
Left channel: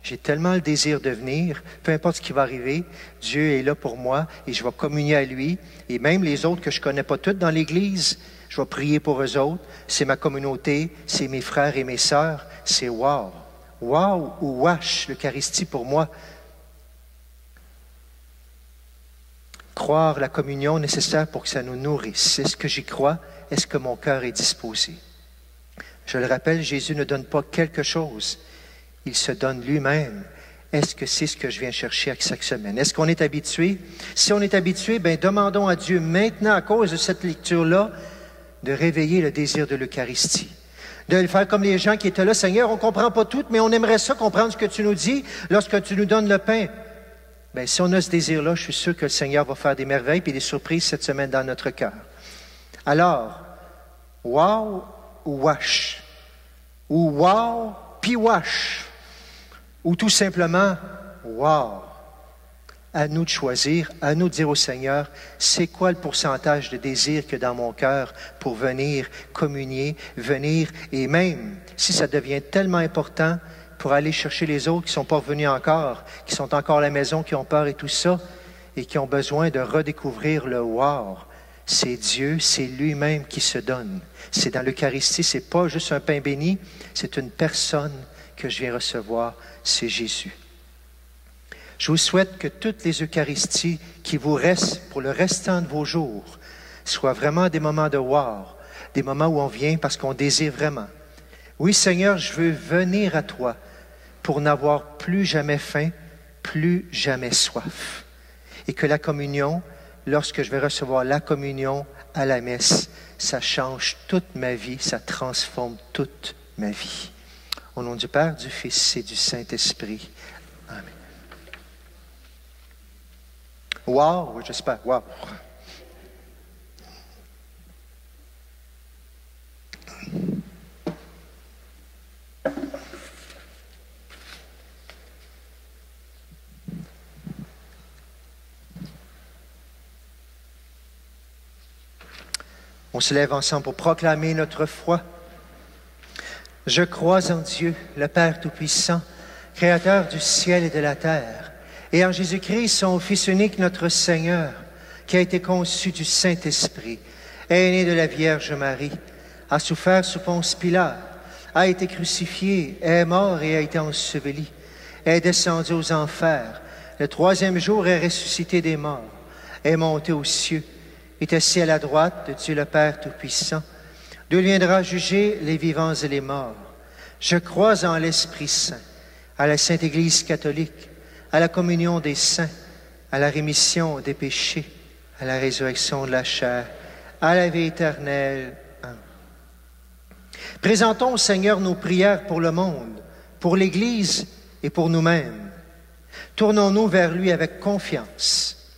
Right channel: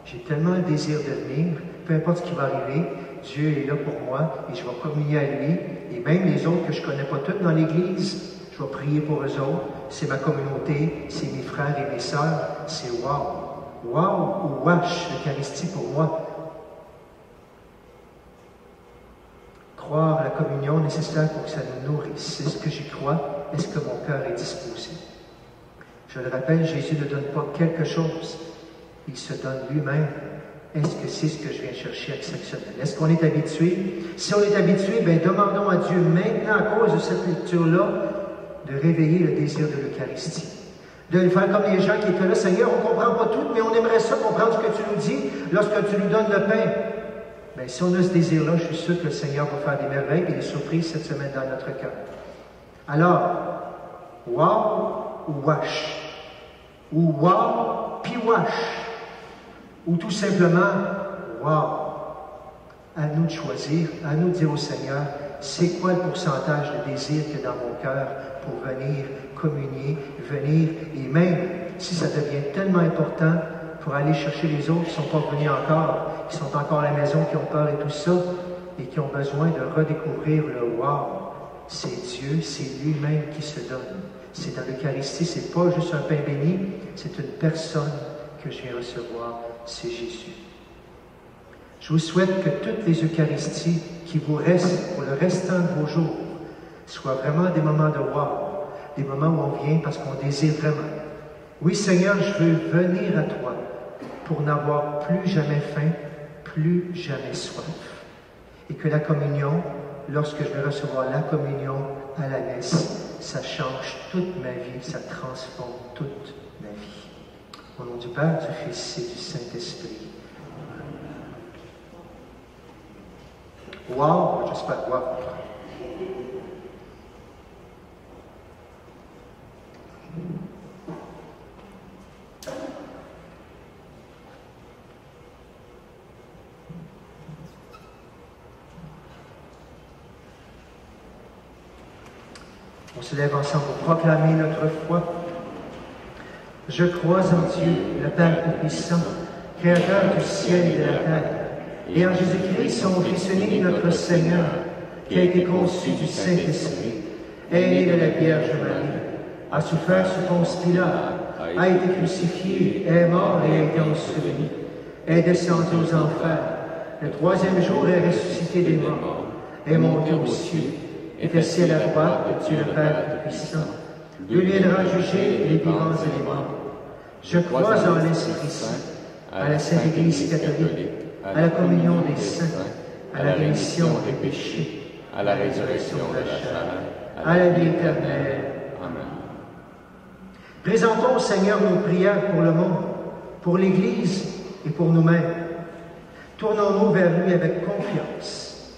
J'ai tellement le désir de venir, peu importe ce qui va arriver, Dieu est là pour moi et je vais communier à lui. Et même les autres que je ne connais pas toutes dans l'Église, je vais prier pour eux autres. C'est ma communauté, c'est mes frères et mes sœurs. C'est wow! Wow ou wash, l'Eucharistie pour moi. Croire la communion nécessaire pour que ça nous nourrisse. Est-ce que j'y crois? Est-ce que mon cœur est disposé? Je le rappelle, Jésus ne donne pas quelque chose. Il se donne lui-même. Est-ce que c'est ce que je viens chercher à chaque semaine? Est-ce qu'on est habitué? Si on est habitué, bien, demandons à Dieu maintenant, à cause de cette lecture-là, de réveiller le désir de l'Eucharistie. De le faire comme les gens qui étaient là. Seigneur, on ne comprend pas tout, mais on aimerait ça comprendre ce que tu nous dis lorsque tu nous donnes le pain. Bien, si on a ce désir-là, je suis sûr que le Seigneur va faire des merveilles et des surprises cette semaine dans notre cœur. Alors, wow ou wash? Ou wow puis wash? Ou tout simplement, wow! À nous de choisir, à nous de dire au Seigneur, c'est quoi le pourcentage de désir que dans mon cœur pour venir communier, venir, et même si ça devient tellement important pour aller chercher les autres qui ne sont pas revenus encore, qui sont encore à la maison, qui ont peur et tout ça, et qui ont besoin de redécouvrir le wow. C'est Dieu, c'est lui-même qui se donne. C'est dans l'Eucharistie, c'est pas juste un pain béni, c'est une personne que je viens recevoir, c'est Jésus. Je vous souhaite que toutes les Eucharisties qui vous restent pour le restant de vos jours soient vraiment des moments de wow, des moments où on vient parce qu'on désire vraiment. Oui, Seigneur, je veux venir à toi pour n'avoir plus jamais faim, plus jamais soif. Et que la communion, lorsque je vais recevoir la communion à la messe, ça change toute ma vie, ça transforme toute ma vie. Au nom du Père, du Fils et du Saint-Esprit. Amen. Wow, j'espère, wow. On se lève ensemble pour proclamer notre foi. Je crois en Dieu, le Père Tout-Puissant, Créateur du ciel et de la terre, et en Jésus-Christ, son Fils unique, notre Seigneur, qui a été conçu du Saint-Esprit, est né de la Vierge Marie, a souffert sous Ponce Pilate, a été crucifié, est mort et a été enseveli, est descendu aux enfers, le troisième jour est ressuscité des morts, est monté aux cieux, est assis à la droite de Dieu le Père Tout-Puissant, d'où viendra juger les vivants et les morts. Je crois en l'Esprit Saint, à la Sainte Église catholique, à la communion des saints, à la rémission des péchés, à la résurrection de la chair, à la vie éternelle. Amen. Présentons au Seigneur nos prières pour le monde, pour l'Église et pour nous-mêmes. Tournons-nous vers lui avec confiance.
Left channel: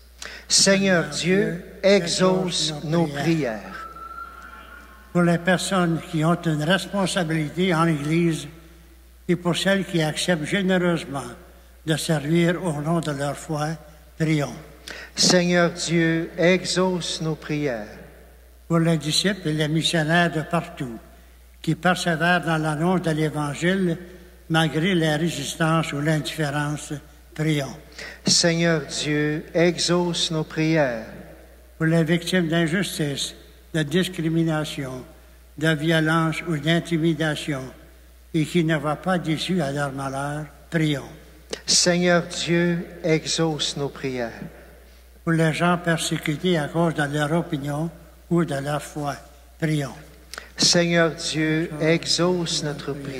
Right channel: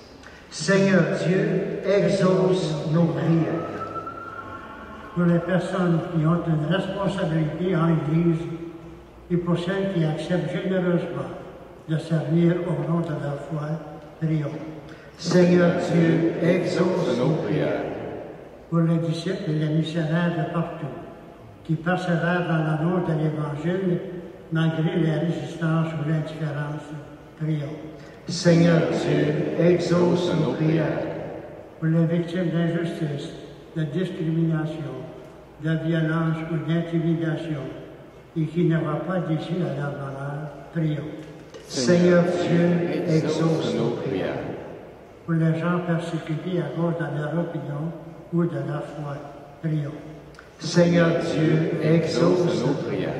Seigneur Dieu, exauce nos prières. Pour les personnes qui ont une responsabilité en l'Église et pour celles qui acceptent généreusement de servir au nom de leur foi, prions. Seigneur Dieu, exauce nos prières. Pour les disciples et les missionnaires de partout qui persévèrent dans l'annonce de l'Évangile malgré les résistances ou l'indifférence, prions. Seigneur Dieu, exauce nos prières. Pour les victimes d'injustice, de discrimination, de violence ou d'intimidation et qui ne voient pas d'issue à leur malheur, prions. Seigneur Dieu, exauce nos prières. Pour les gens persécutés à cause de leur opinion ou de leur foi, prions. Seigneur Dieu, exauce notre prière.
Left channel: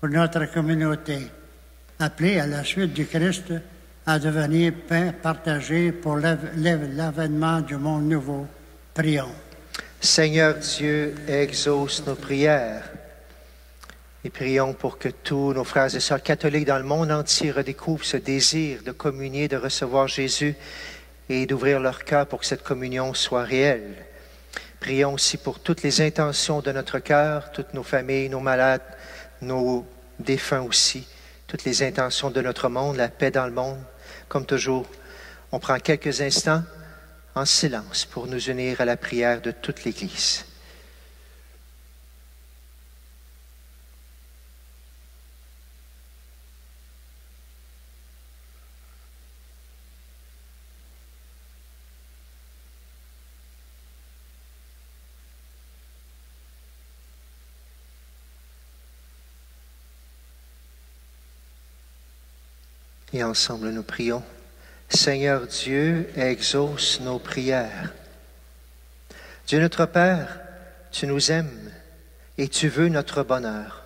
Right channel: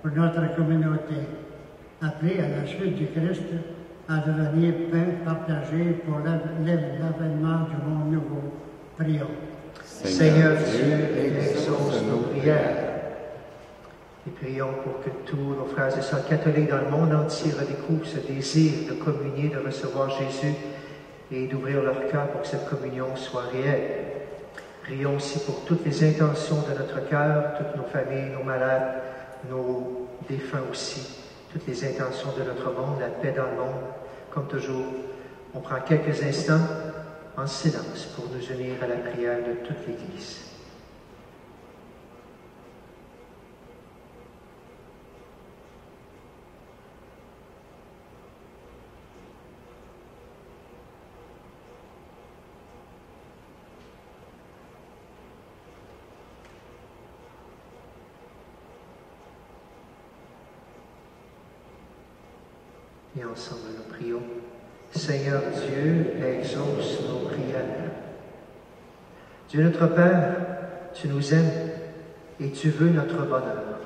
Pour notre communauté, appelée à la suite du Christ à devenir pain partagé pour l'avènement du monde nouveau, prions. Seigneur Dieu, exauce nos prières. Et prions pour que tous nos frères et sœurs catholiques dans le monde entier redécouvrent ce désir de communier, de recevoir Jésus et d'ouvrir leur cœur pour que cette communion soit réelle. Prions aussi pour toutes les intentions de notre cœur, toutes nos familles, nos malades, nos défunts aussi, toutes les intentions de notre monde, la paix dans le monde. Comme toujours, on prend quelques instants en silence pour nous unir à la prière de toute l'Église. Et ensemble, nous prions. Seigneur Dieu, exauce nos prières. Dieu notre Père, tu nous aimes et tu veux notre bonheur.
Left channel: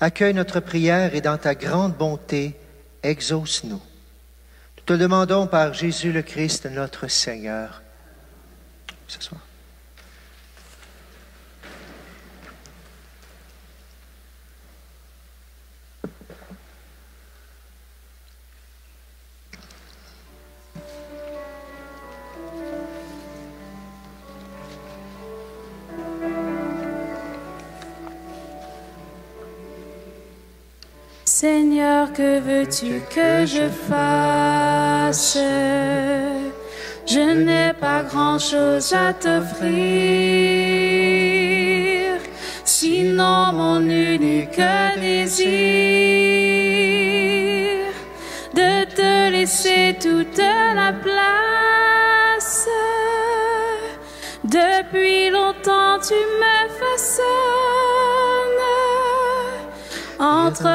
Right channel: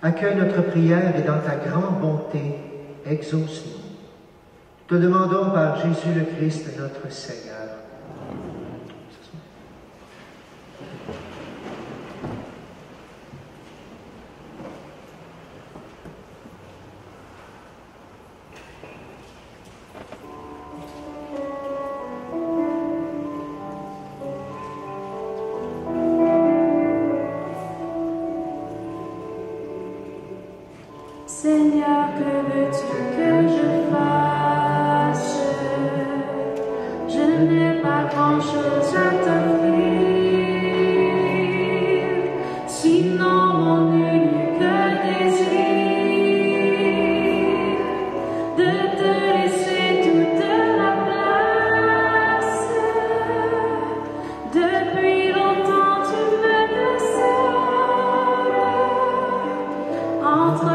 Accueille notre prière et dans ta grande bonté, exauce-nous. Nous te demandons par Jésus le Christ, notre Seigneur. Ce soir. Seigneur, que veux-tu que je fasse? Je n'ai pas grand-chose à t'offrir, sinon mon unique désir de te laisser toute la place. Depuis longtemps tu me façonnes entre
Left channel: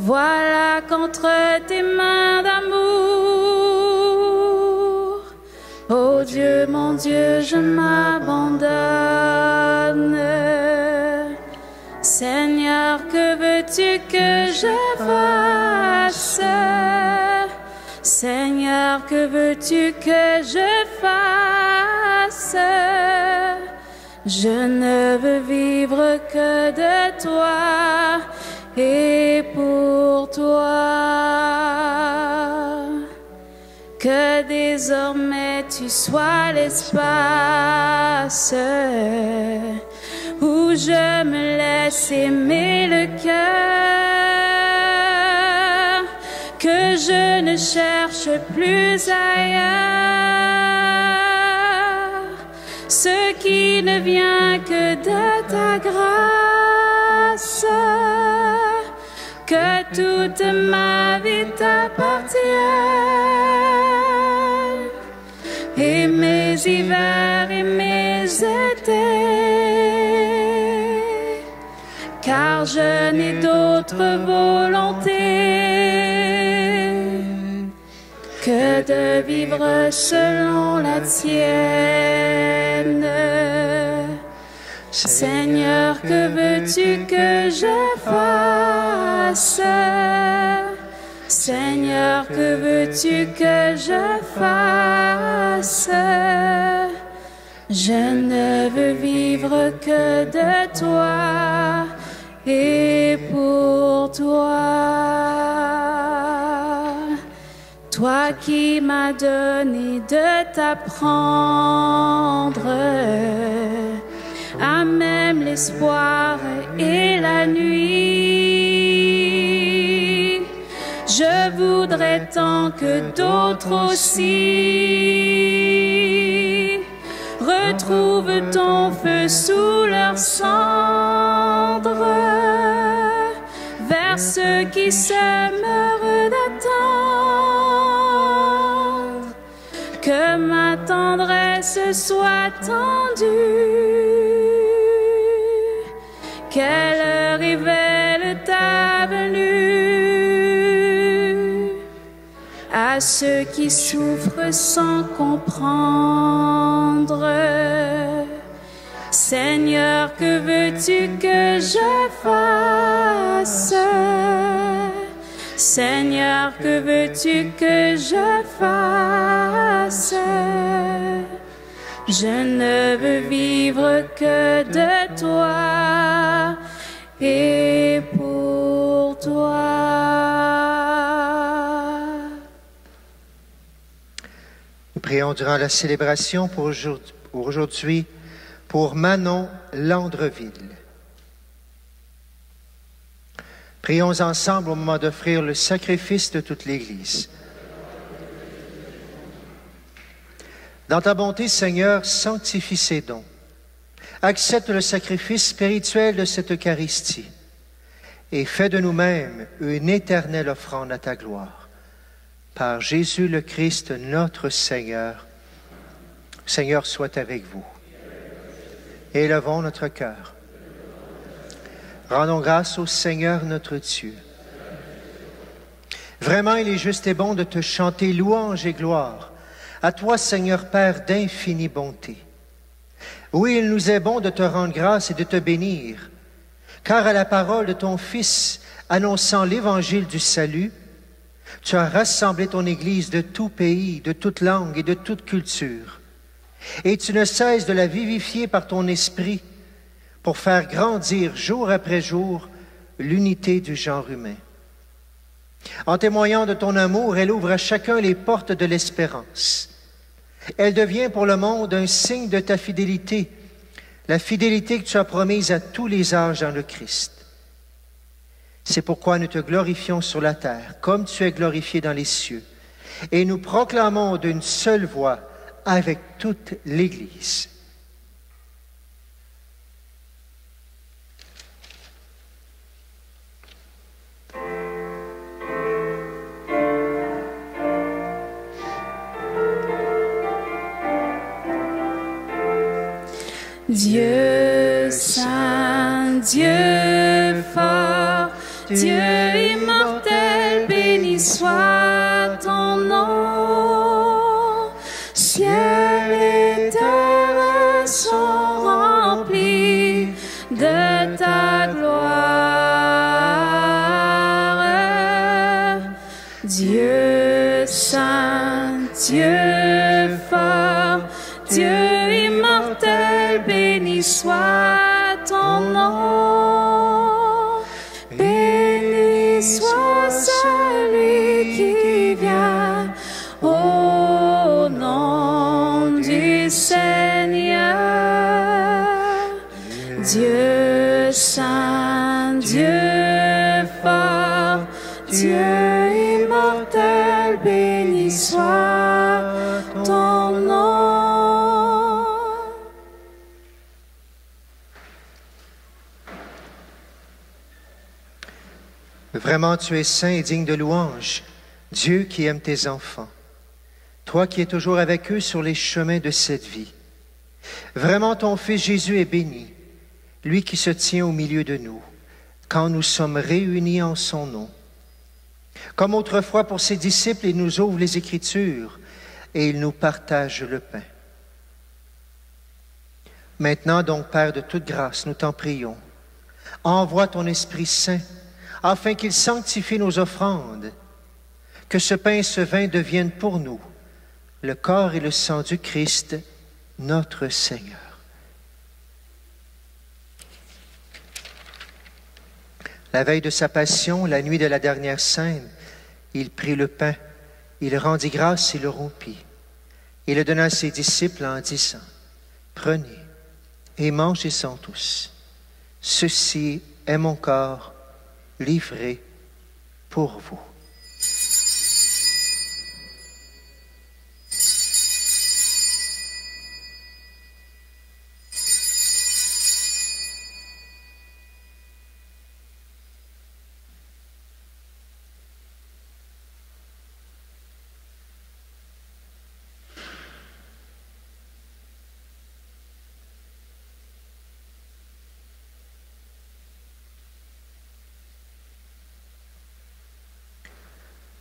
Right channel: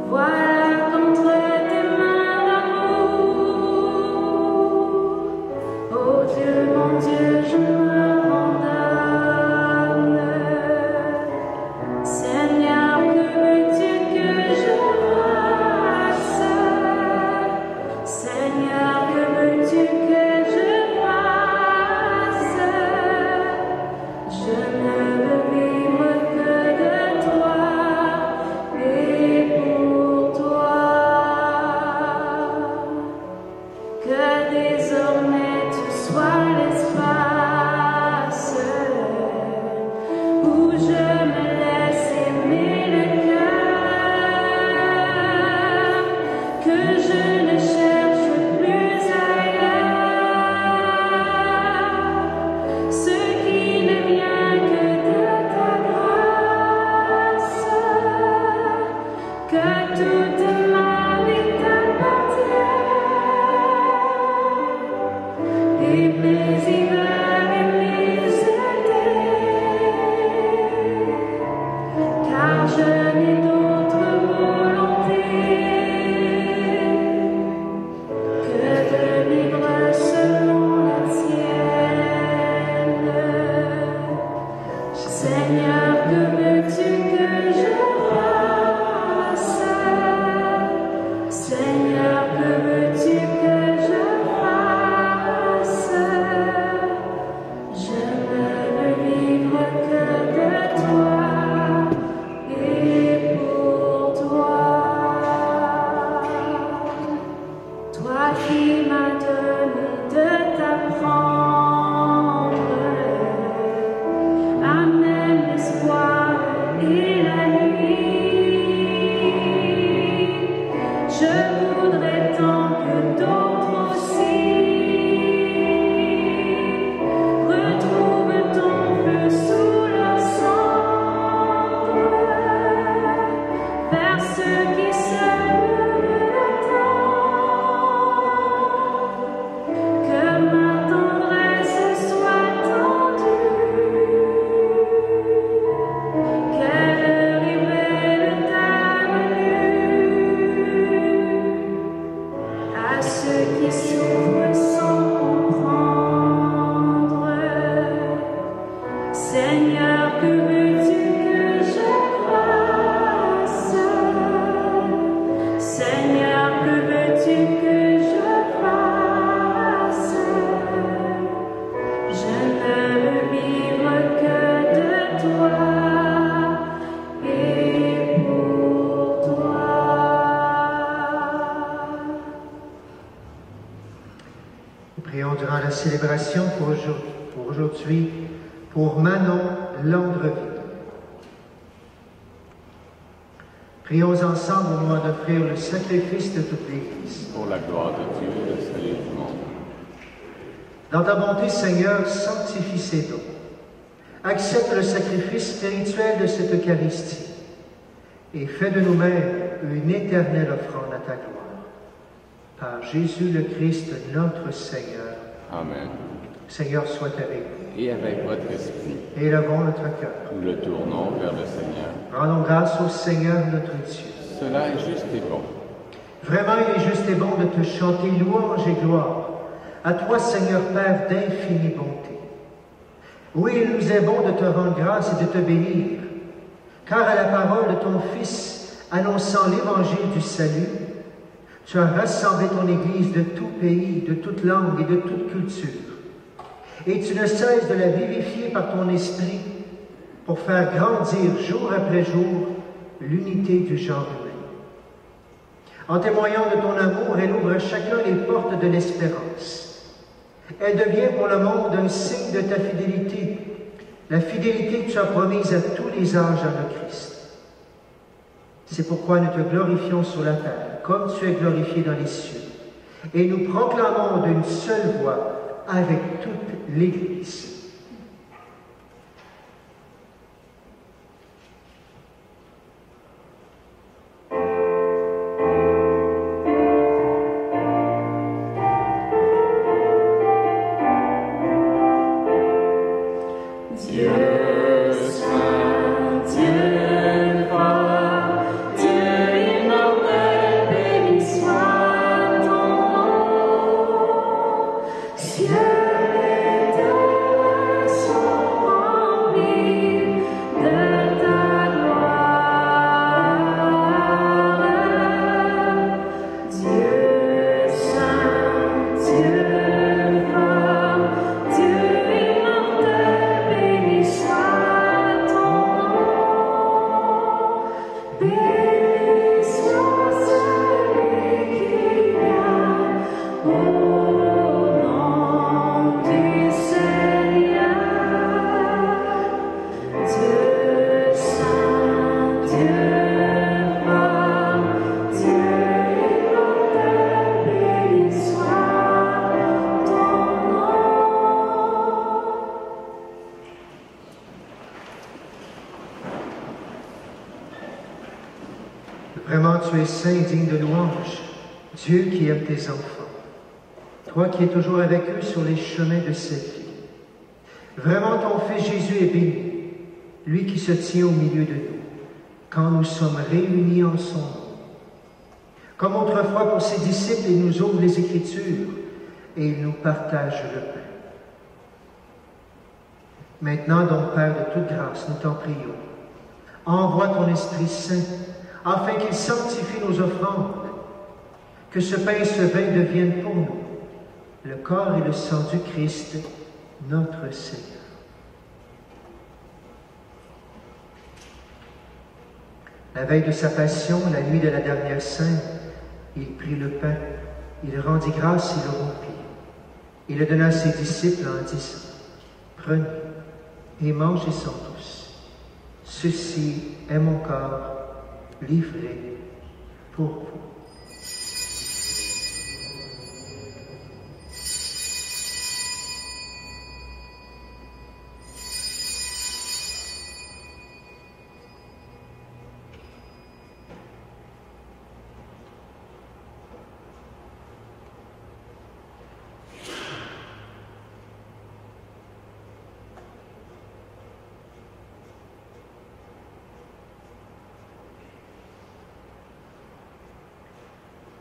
voilà contre tes mains d'amour. Oh Dieu, mon Dieu, je m'abandonne. Seigneur, que veux-tu que je fasse? Seigneur, que veux-tu que je fasse? Je ne veux vivre que de toi et pour toi. Que désormais tu sois l'espace où je me laisse aimer le cœur, que je ne cherche plus ailleurs ce qui ne vient que de ta grâce, que toute ma vie t'appartienne, et mes hivers et mes étés, car je n'ai d'autre volonté que de vivre selon la tienne. Seigneur, que veux-tu que je fasse? Seigneur, que veux-tu que je fasse? Je ne veux vivre que de toi et pour toi. Toi qui m'as donné de t'apprendre à même l'espoir et la nuit. Je voudrais tant que d'autres aussi retrouvent ton feu sous leurs cendres, vers ceux qui s'aiment d'attendre que ma tendresse soit tendue, qu'elle révèle ta venue à ceux qui souffrent sans comprendre. Seigneur, que veux-tu que je fasse? Seigneur, que veux-tu que je fasse? Je ne veux vivre que de toi et pour toi. Nous prions durant la célébration pour aujourd'hui pour Manon Landreville. Prions ensemble au moment d'offrir le sacrifice de toute l'Église. Pour la gloire de Dieu et le salut du monde. Dans ta bonté, Seigneur, sanctifie ces dons. Accepte le sacrifice spirituel de cette Eucharistie et fais de nous-mêmes une éternelle offrande à ta gloire. Par Jésus le Christ, notre Seigneur. Amen. Seigneur, soit avec vous. Et avec votre esprit. et élevons notre cœur. Nous le tournons vers le Seigneur. Rendons grâce au Seigneur notre Dieu. Cela est juste et bon. Vraiment, il est juste et bon de te chanter louange et gloire. À toi, Seigneur Père, d'infinie bonté. Oui, il nous est bon de te rendre grâce et de te bénir, car à la parole de ton Fils, annonçant l'évangile du salut, tu as rassemblé ton Église de tout pays, de toute langue et de toute culture. Et tu ne cesses de la vivifier par ton esprit pour faire grandir jour après jour l'unité du genre humain. En témoignant de ton amour, elle ouvre à chacun les portes de l'espérance. Elle devient pour le monde un signe de ta fidélité, la fidélité que tu as promise à tous les âges dans le Christ. C'est pourquoi nous te glorifions sur la terre, comme tu es glorifié dans les cieux, et nous proclamons d'une seule voix avec toute l'Église. Dieu saint, Dieu fort, Dieu immortel, béni soit ton nom. Ciel et terre sont remplis de ta gloire. Dieu saint, Dieu fort, Dieu soit ton nom, béni soit celui qui vient au nom du Seigneur. Dieu saint, Dieu fort, Dieu immortel, béni soit ton nom. Vraiment, tu es saint et digne de louange, Dieu qui aime tes enfants, toi qui es toujours avec eux sur les chemins de cette vie. Vraiment, ton Fils Jésus est béni, lui qui se tient au milieu de nous, quand nous sommes réunis en son nom. Comme autrefois pour ses disciples, il nous ouvre les Écritures et il nous partage le pain. Maintenant donc, Père de toute grâce, nous t'en prions, envoie ton Esprit Saint, afin qu'il sanctifie nos offrandes, que ce pain et ce vin deviennent pour nous le corps et le sang du Christ, notre Seigneur. La veille de sa passion, la nuit de la dernière Sainte, il prit le pain, il rendit grâce et le rompit. Il le donna à ses disciples en disant, « Prenez et mangez-en tous. Ceci est mon corps livré pour vous. »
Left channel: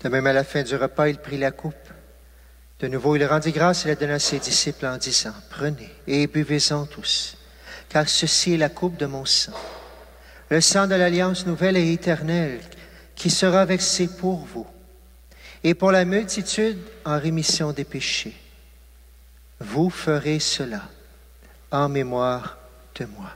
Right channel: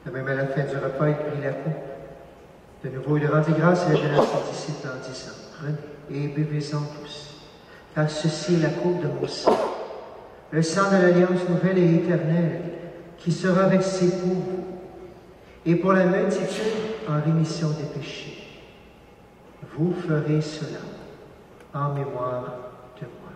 De même, à la fin du repas, il prit la coupe. De nouveau, il rendit grâce et la donna à ses disciples en disant, « Prenez et buvez-en tous, car ceci est la coupe de mon sang, le sang de l'alliance nouvelle et éternelle, qui sera versé pour vous, et pour la multitude en rémission des péchés. Vous ferez cela en mémoire de moi. »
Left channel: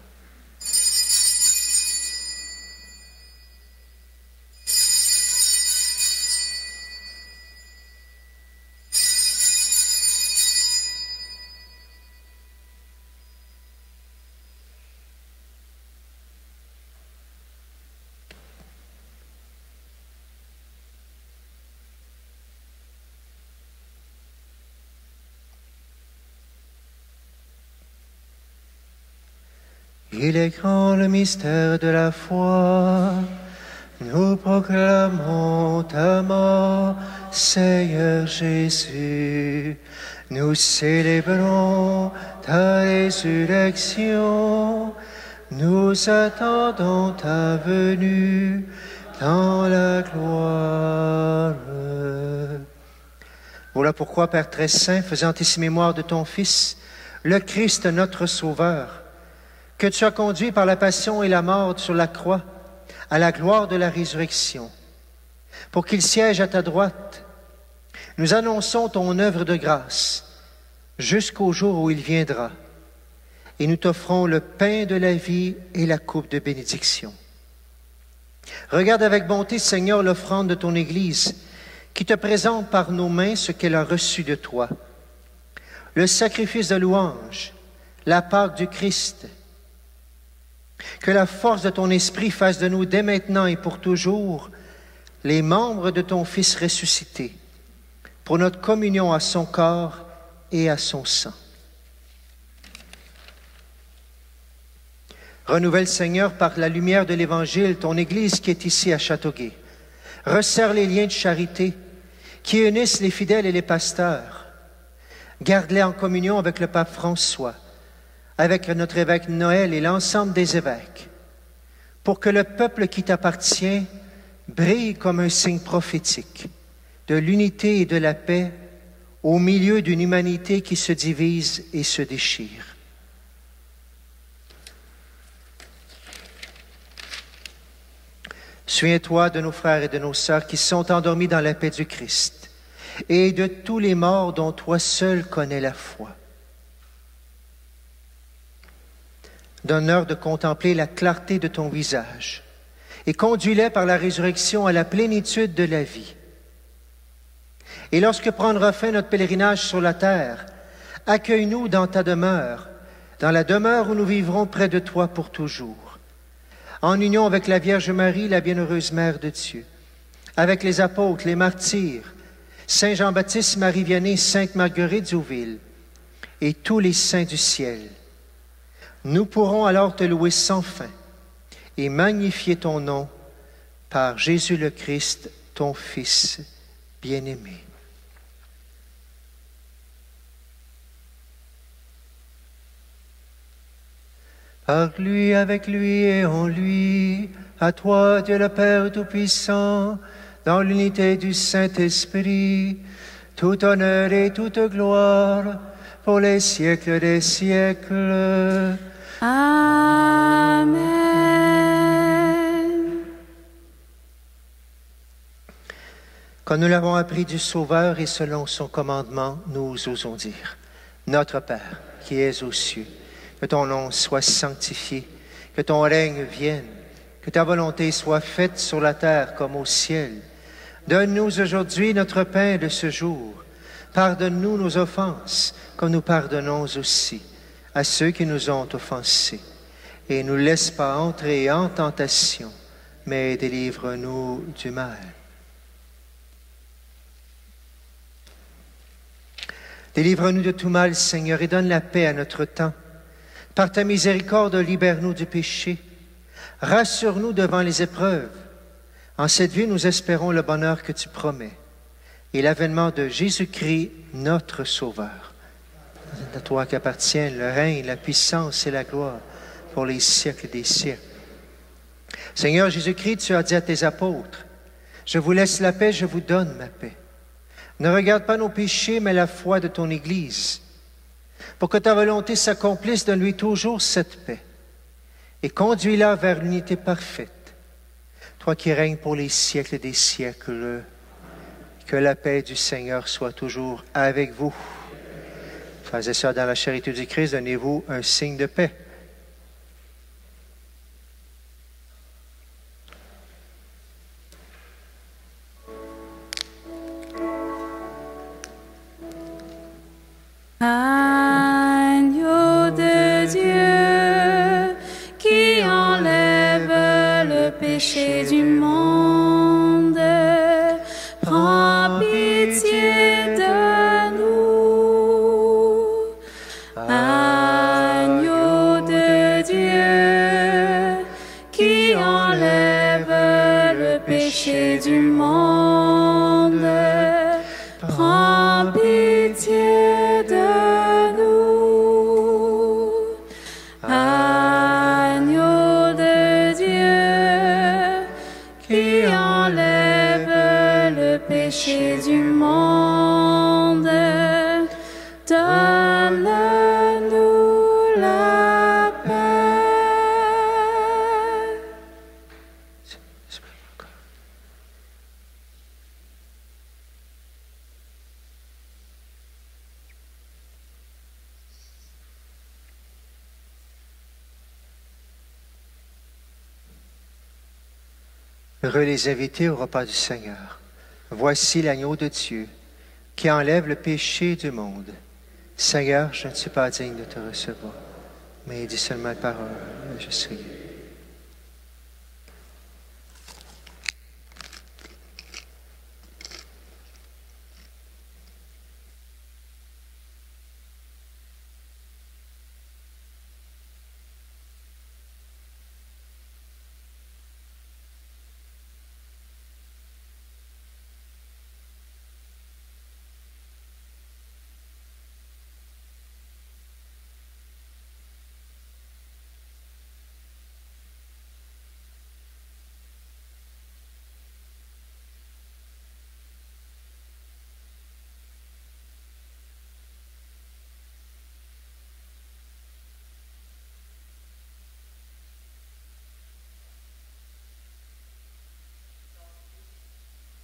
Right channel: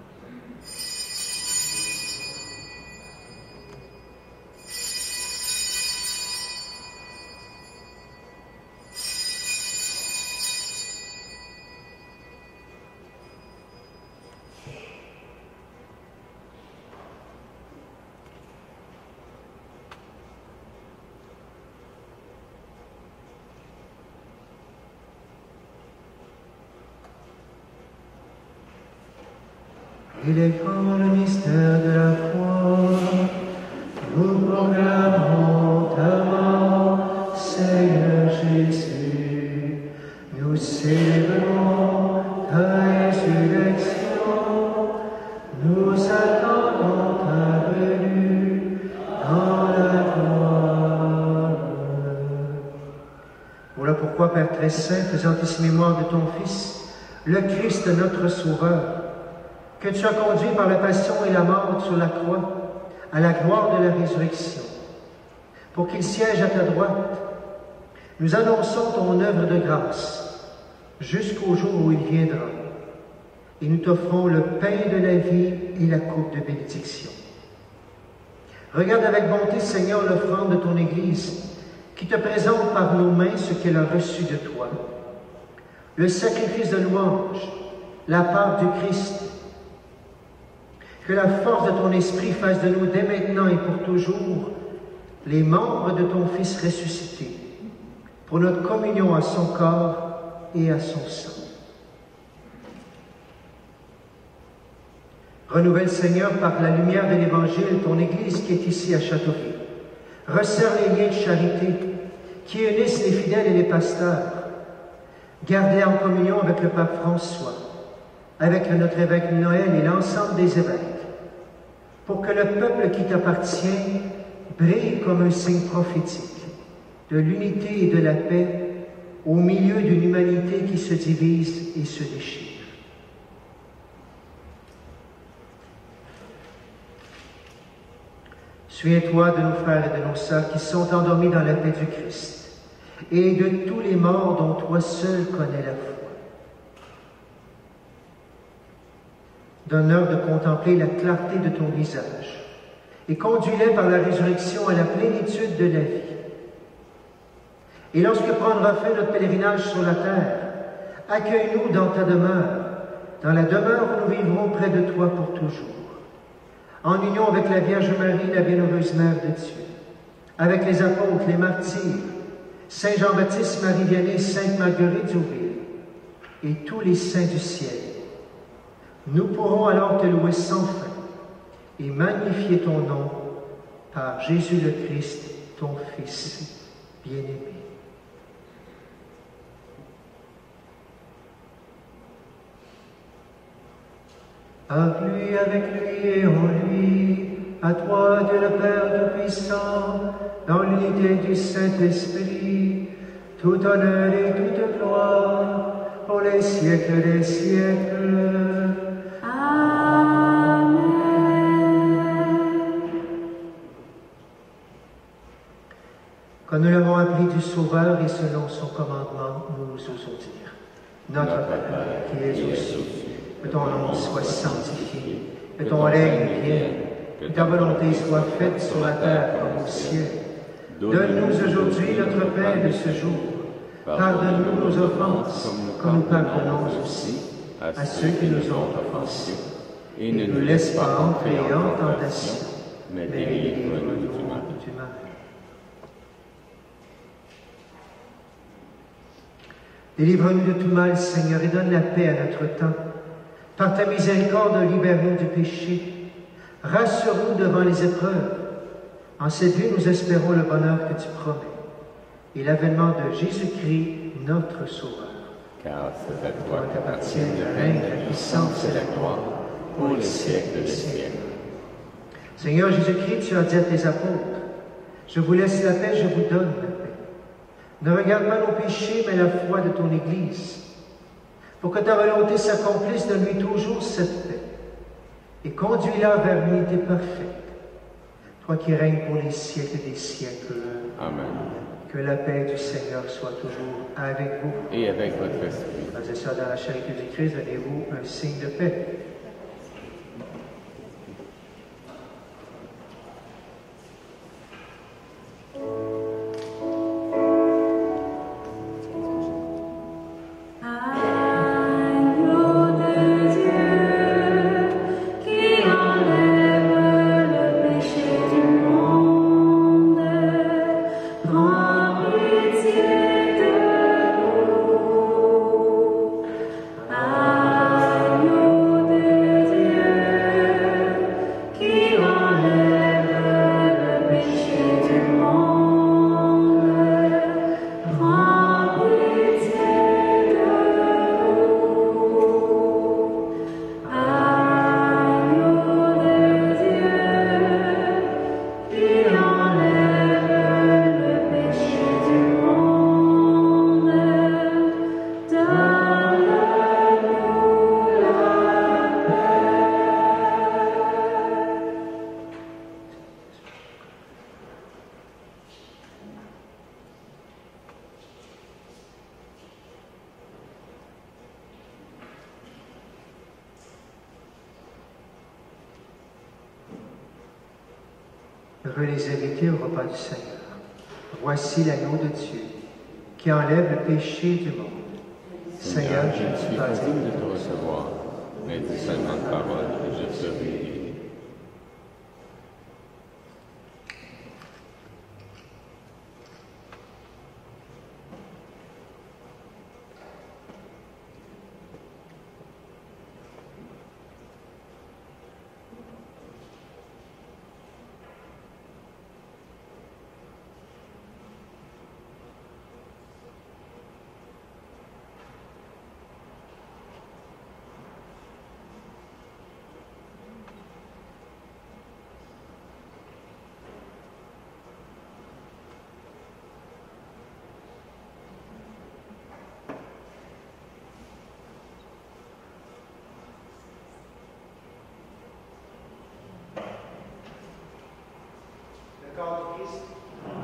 Il est grand le mystère de la foi, nous proclamons ta mort, Seigneur Jésus. Nous célébrons ta résurrection Nous attendons ta venue dans la gloire. Voilà pourquoi, Père très saint, faisant ici mémoire de ton Fils, le Christ notre Sauveur, que tu as conduit par la passion et la mort sur la croix à la gloire de la résurrection, pour qu'il siège à ta droite, nous annonçons ton œuvre de grâce jusqu'au jour où il viendra, et nous t'offrons le pain de la vie et la coupe de bénédiction. Regarde avec bonté, Seigneur, l'offrande de ton Église, qui te présente par nos mains ce qu'elle a reçu de toi. Le sacrifice de louange, la part du Christ. Que la force de ton esprit fasse de nous dès maintenant et pour toujours les membres de ton Fils ressuscité, pour notre communion à son corps et à son sang. Renouvelle, Seigneur, par la lumière de l'Évangile, ton Église qui est ici à Châteauguay. Resserre les liens de charité qui unissent les fidèles et les pasteurs. Garde-les en communion avec le pape François, avec notre évêque Noël et l'ensemble des évêques, pour que le peuple qui t'appartient brille comme un signe prophétique de l'unité et de la paix au milieu d'une humanité qui se divise et se déchire. Souviens-toi de nos frères et de nos sœurs qui sont endormis dans la paix du Christ et de tous les morts dont toi seul connais la foi. Donne-leur de contempler la clarté de ton visage et conduis-les par la résurrection à la plénitude de la vie. Et lorsque prendra fin notre pèlerinage sur la terre, accueille-nous dans ta demeure, dans la demeure où nous vivrons près de toi pour toujours, en union avec la Vierge Marie, la bienheureuse Mère de Dieu, avec les apôtres, les martyrs, Saint Jean-Baptiste, Marie Vianney, Sainte Marguerite d'Youville et tous les saints du ciel. Nous pourrons alors te louer sans fin et magnifier ton nom par Jésus le Christ, ton Fils bien-aimé. Par lui, avec lui et en lui, à toi, Dieu le Père Tout-Puissant, dans l'unité du Saint-Esprit, tout honneur et toute gloire, pour les siècles des siècles. Amen. Quand nous l'avons appris du Sauveur et selon son commandement, nous osons dire: Notre Père, qui es aux cieux, que ton nom soit sanctifié, que ton règne vienne, que ta volonté soit faite sur la terre comme au ciel. Donne-nous aujourd'hui notre pain de ce jour. Pardonne-nous nos offenses, comme nous pardonnons aussi à ceux qui nous ont offensés. Et ne nous laisse pas entrer en tentation, mais délivre-nous du mal. Délivre-nous de tout mal, Seigneur, et donne la paix à notre temps. Par ta miséricorde, libère-nous du péché. Rassure-nous devant les épreuves. En cette vie, nous espérons le bonheur que tu promets et l'avènement de Jésus-Christ, notre Sauveur. C'est à toi qu'appartiennent le règne, la puissance et la gloire pour les siècles des siècles. Seigneur Jésus-Christ, tu as dit à tes apôtres: je vous laisse la paix, je vous donne la paix. Ne regarde pas nos péchés, mais la foi de ton Église. Pour que ta volonté s'accomplisse, donne-lui toujours cette paix et conduis-la vers l'unité parfaite. Toi qui règnes pour les siècles des siècles. Amen. Que la paix du Seigneur soit toujours avec vous. Et avec votre esprit. Frères et sœurs, dans la charité du Christ, donnez-vous un signe de paix. Agneau de Dieu, qui enlève le péché du monde, prends pitié de nous. Agneau de Heureux les invités au repas du Seigneur. Voici l'agneau de Dieu qui enlève le péché du monde. Seigneur, je ne suis pas digne de te recevoir, mais dis seulement ta parole, je suis.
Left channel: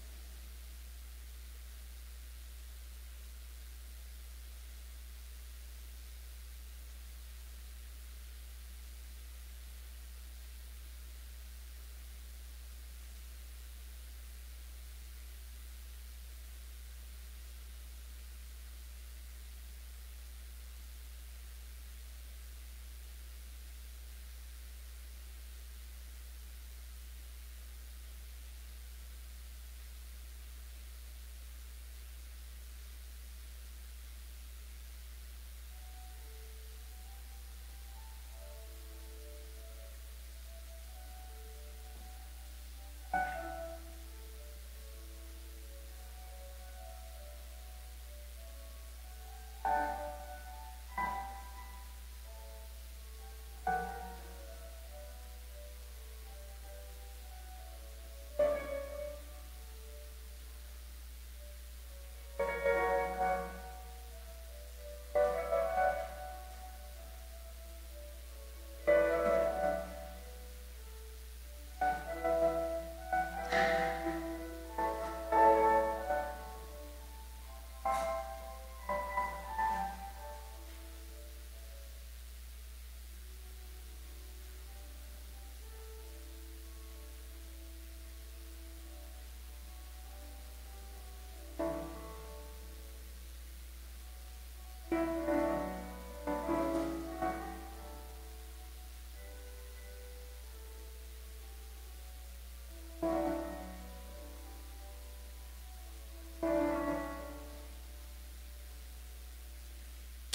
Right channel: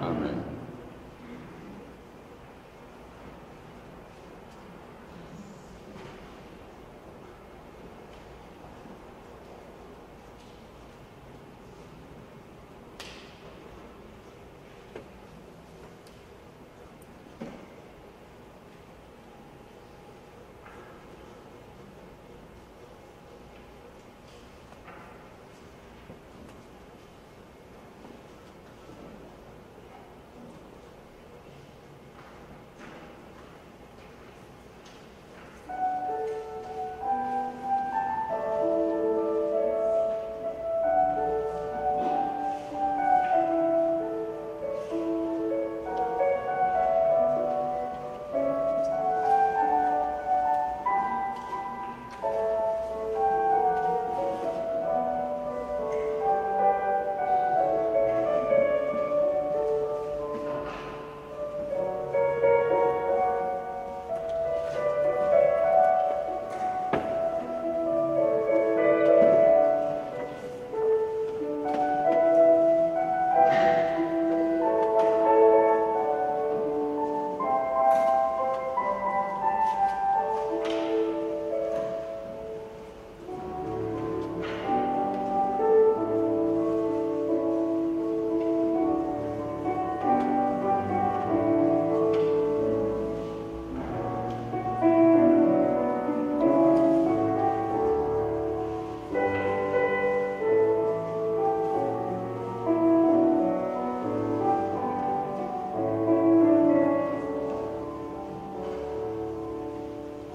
Amen.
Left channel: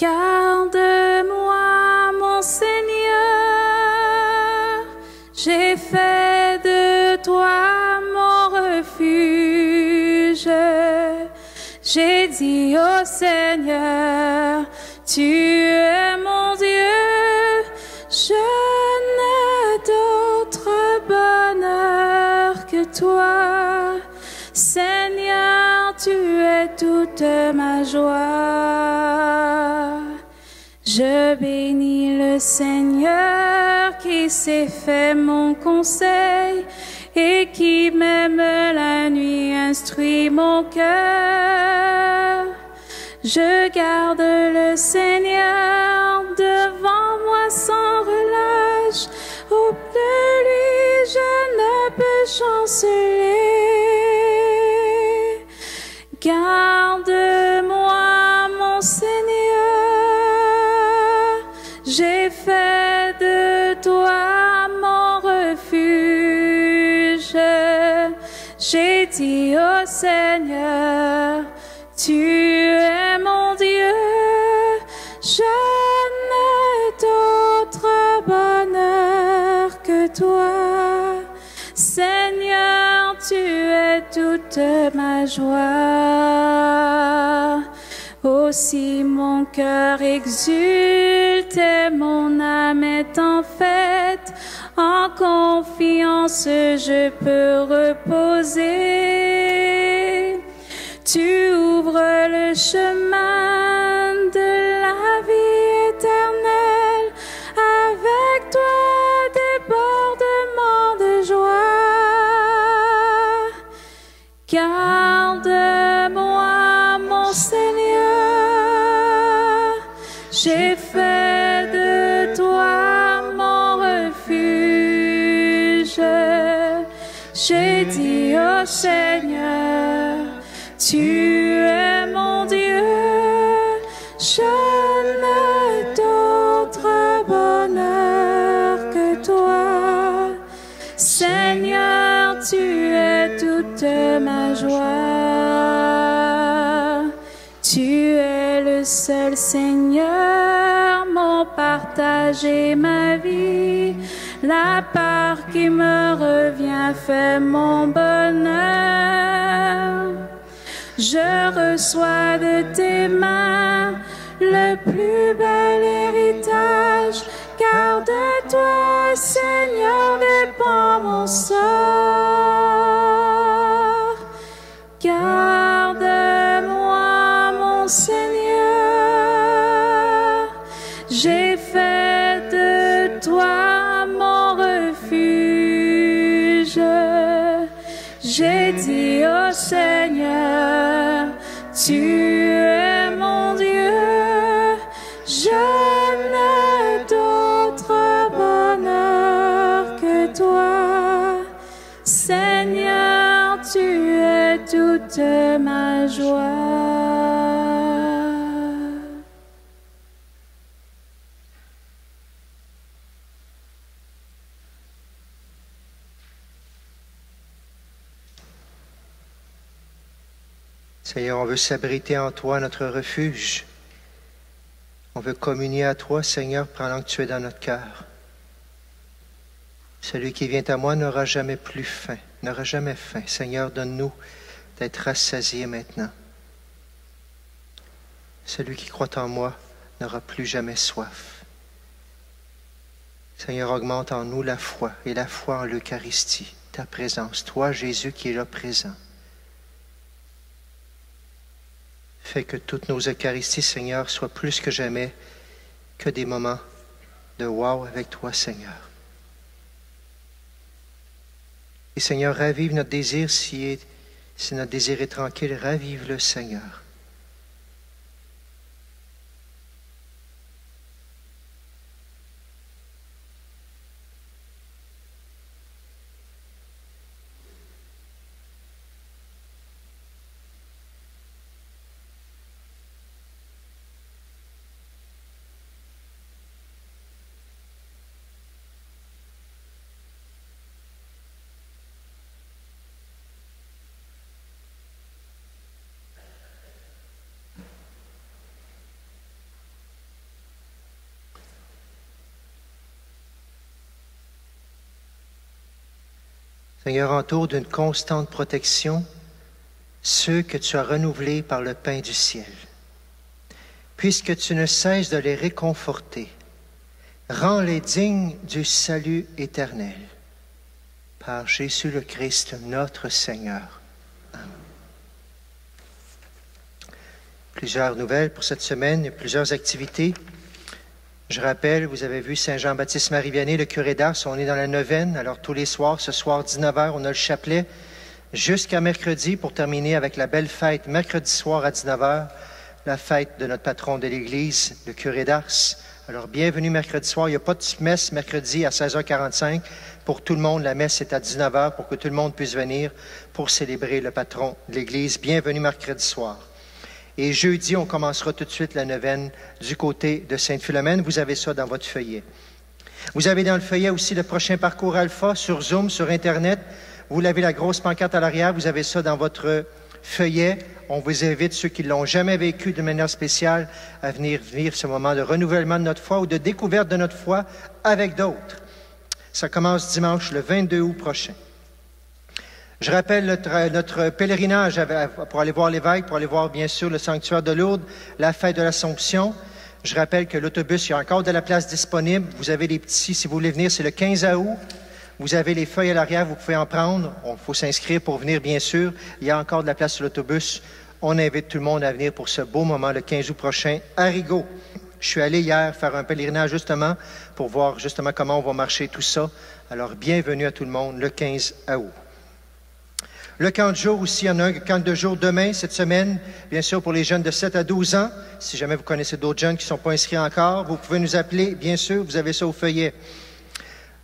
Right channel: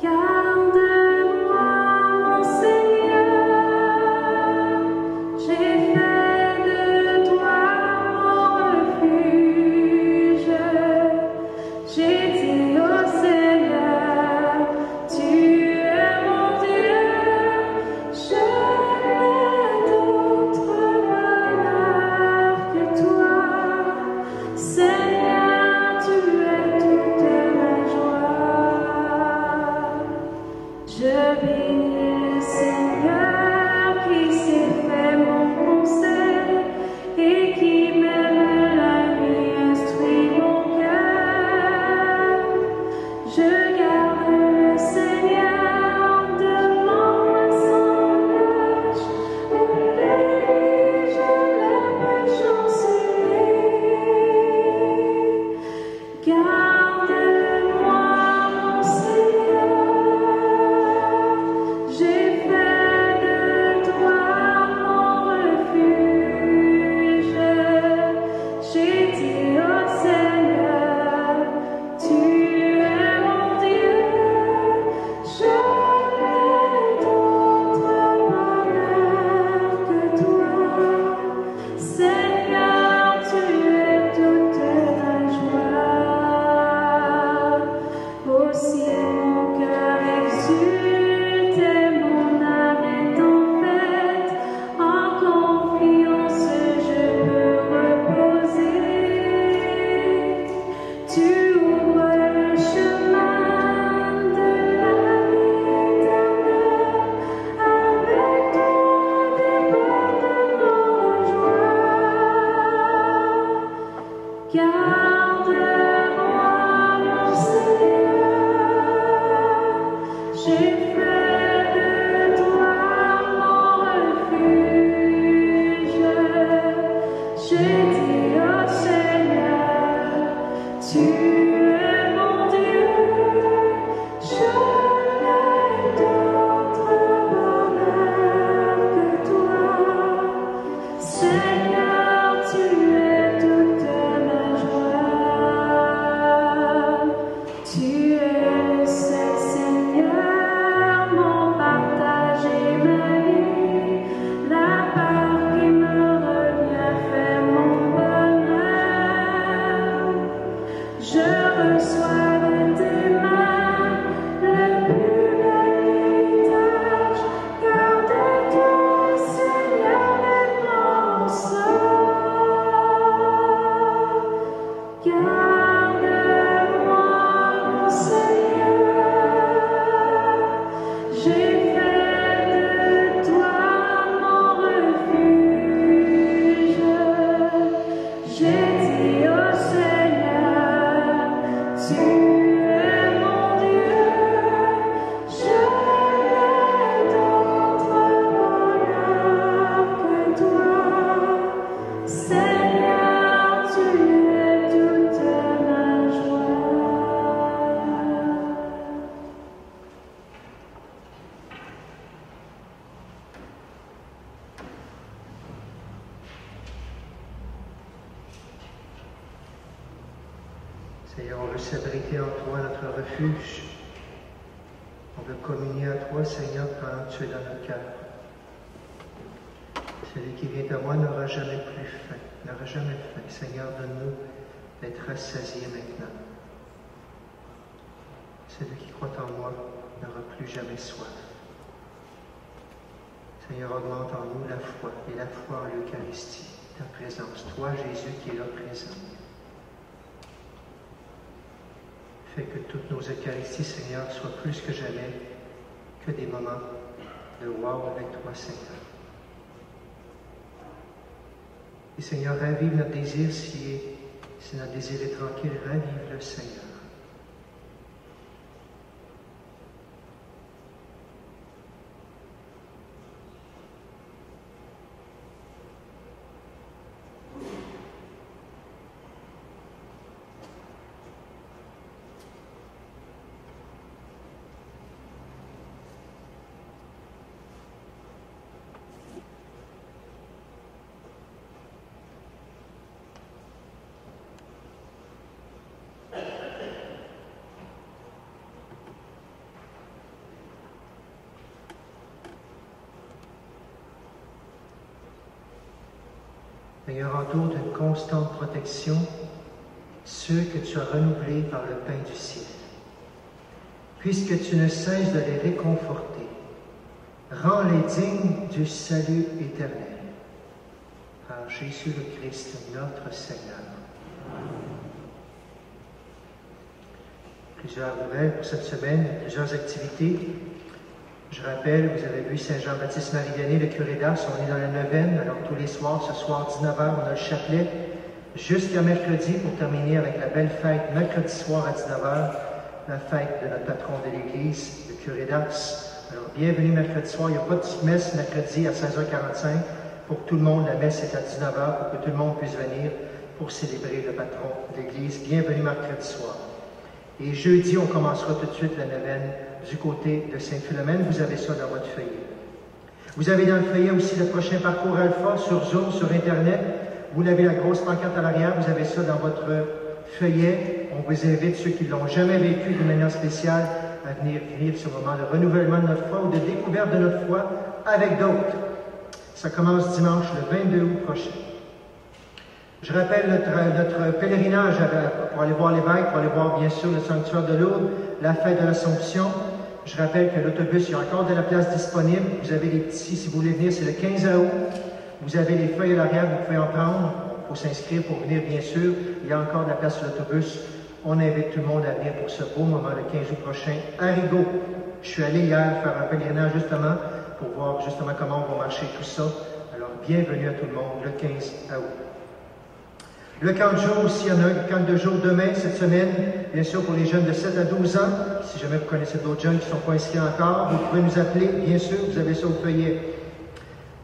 Garde-moi, mon Seigneur, j'ai fait de toi mon refuge. J'ai dit au Seigneur, tu es mon Dieu, je n'ai d'autre bonheur que toi. Seigneur, tu es toute ma joie. Je bénis le Seigneur qui s'est fait mon conseil et qui même la nuit instruit mon cœur. Je garde le Seigneur devant moi sans relâche, auprès de lui je ne peux chanceler. Garde-moi, mon Seigneur, j'ai fait de toi mon refuge. J'ai dit au Seigneur, tu es mon Dieu, je n'ai d'autre bonheur que toi. Seigneur, tu es toute ma joie. Aussi mon cœur exulte et mon âme est en fête. En confiance je peux reposer. Tu ouvres le chemin de la vie éternelle. Avec toi débordement de joie. Garde-moi, mon Seigneur, j'ai fait de toi mon refuge. J'ai Je n'ai d'autre bonheur que toi. Seigneur, tu es toute ma joie. Tu es le seul Seigneur, mon partage et ma vie. La part qui me revient fait mon bonheur. Je reçois de tes mains le plus bel héritage, car de toi, Seigneur, dépend mon sort. Garde-moi, mon Seigneur, j'ai fait de toi mon refuge. J'ai dit au Seigneur, tu es mon Dieu. Je n'ai d'autre bonheur que toi. Seigneur, tu es toute ma joie. Seigneur, on veut s'abriter en toi, notre refuge. On veut communier à toi, Seigneur, pendant que tu es dans notre cœur. Celui qui vient à moi n'aura jamais plus faim, n'aura jamais faim. Seigneur, donne-nous d'être rassasiés maintenant. Celui qui croit en moi n'aura plus jamais soif. Seigneur, augmente en nous la foi, et la foi en l'Eucharistie, ta présence. Toi, Jésus, qui est là présent. Fais que toutes nos Eucharisties, Seigneur, soient plus que jamais que des moments de wow avec toi, Seigneur. Et Seigneur, ravive notre désir si notre désir est tranquille, ravive-le, Seigneur. Seigneur, entoure d'une constante protection ceux que tu as renouvelés par le pain du ciel. Puisque tu ne cesses de les réconforter, rends-les dignes du salut éternel. Par Jésus le Christ, notre Seigneur. Amen. Plusieurs nouvelles pour cette semaine, plusieurs activités. Je rappelle, vous avez vu Saint-Jean-Baptiste Marie-Vianney, le curé d'Ars, on est dans la neuvaine, alors tous les soirs, ce soir 19h, on a le chapelet, jusqu'à mercredi pour terminer avec la belle fête, mercredi soir à 19h, la fête de notre patron de l'Église, le curé d'Ars. Alors bienvenue mercredi soir, il n'y a pas de messe mercredi à 16h45, pour tout le monde, la messe est à 19h pour que tout le monde puisse venir pour célébrer le patron de l'Église. Bienvenue mercredi soir. Et jeudi, on commencera tout de suite la neuvaine du côté de Sainte-Philomène. Vous avez ça dans votre feuillet. Vous avez dans le feuillet aussi le prochain parcours Alpha sur Zoom, sur Internet. Vous l'avez la grosse pancarte à l'arrière. Vous avez ça dans votre feuillet. On vous invite, ceux qui ne l'ont jamais vécu de manière spéciale, à venir vivre ce moment de renouvellement de notre foi ou de découverte de notre foi avec d'autres. Ça commence dimanche, le 22 août prochain. Je rappelle notre pèlerinage pour aller voir l'évêque, pour aller voir bien sûr le sanctuaire de Lourdes, la fête de l'Assomption. Je rappelle que l'autobus, il y a encore de la place disponible. Vous avez les petits, si vous voulez venir, c'est le 15 août. Vous avez les feuilles à l'arrière, vous pouvez en prendre. Bon, il faut s'inscrire pour venir, bien sûr. Il y a encore de la place sur l'autobus. On invite tout le monde à venir pour ce beau moment, le 15 août prochain, à Rigaud. Je suis allé hier faire un pèlerinage, justement, pour voir justement comment on va marcher tout ça. Alors, bienvenue à tout le monde, le 15 août. Le camp de jour aussi, il y en a un camp de jour demain, cette semaine, bien sûr pour les jeunes de 7 à 12 ans. Si jamais vous connaissez d'autres jeunes qui ne sont pas inscrits encore, vous pouvez nous appeler, bien sûr, vous avez ça au feuillet.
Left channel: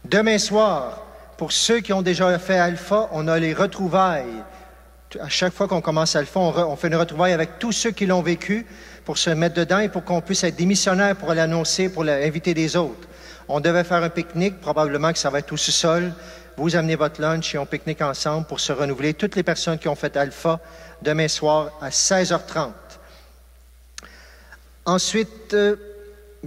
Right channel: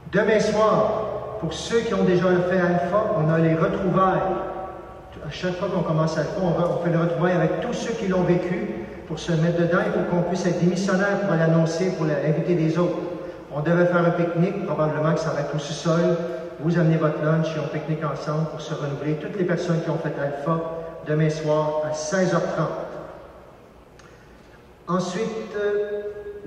Demain soir, pour ceux qui ont déjà fait Alpha, on a les retrouvailles À chaque fois qu'on commence à le faire, on fait une retrouvaille avec tous ceux qui l'ont vécu pour se mettre dedans et pour qu'on puisse être des missionnaires pour l'annoncer, pour inviter des autres. On devait faire un pique-nique, probablement que ça va être au sous-sol. Vous amenez votre lunch et on pique-nique ensemble pour se renouveler. Toutes les personnes qui ont fait Alpha, demain soir à 16h30. Ensuite,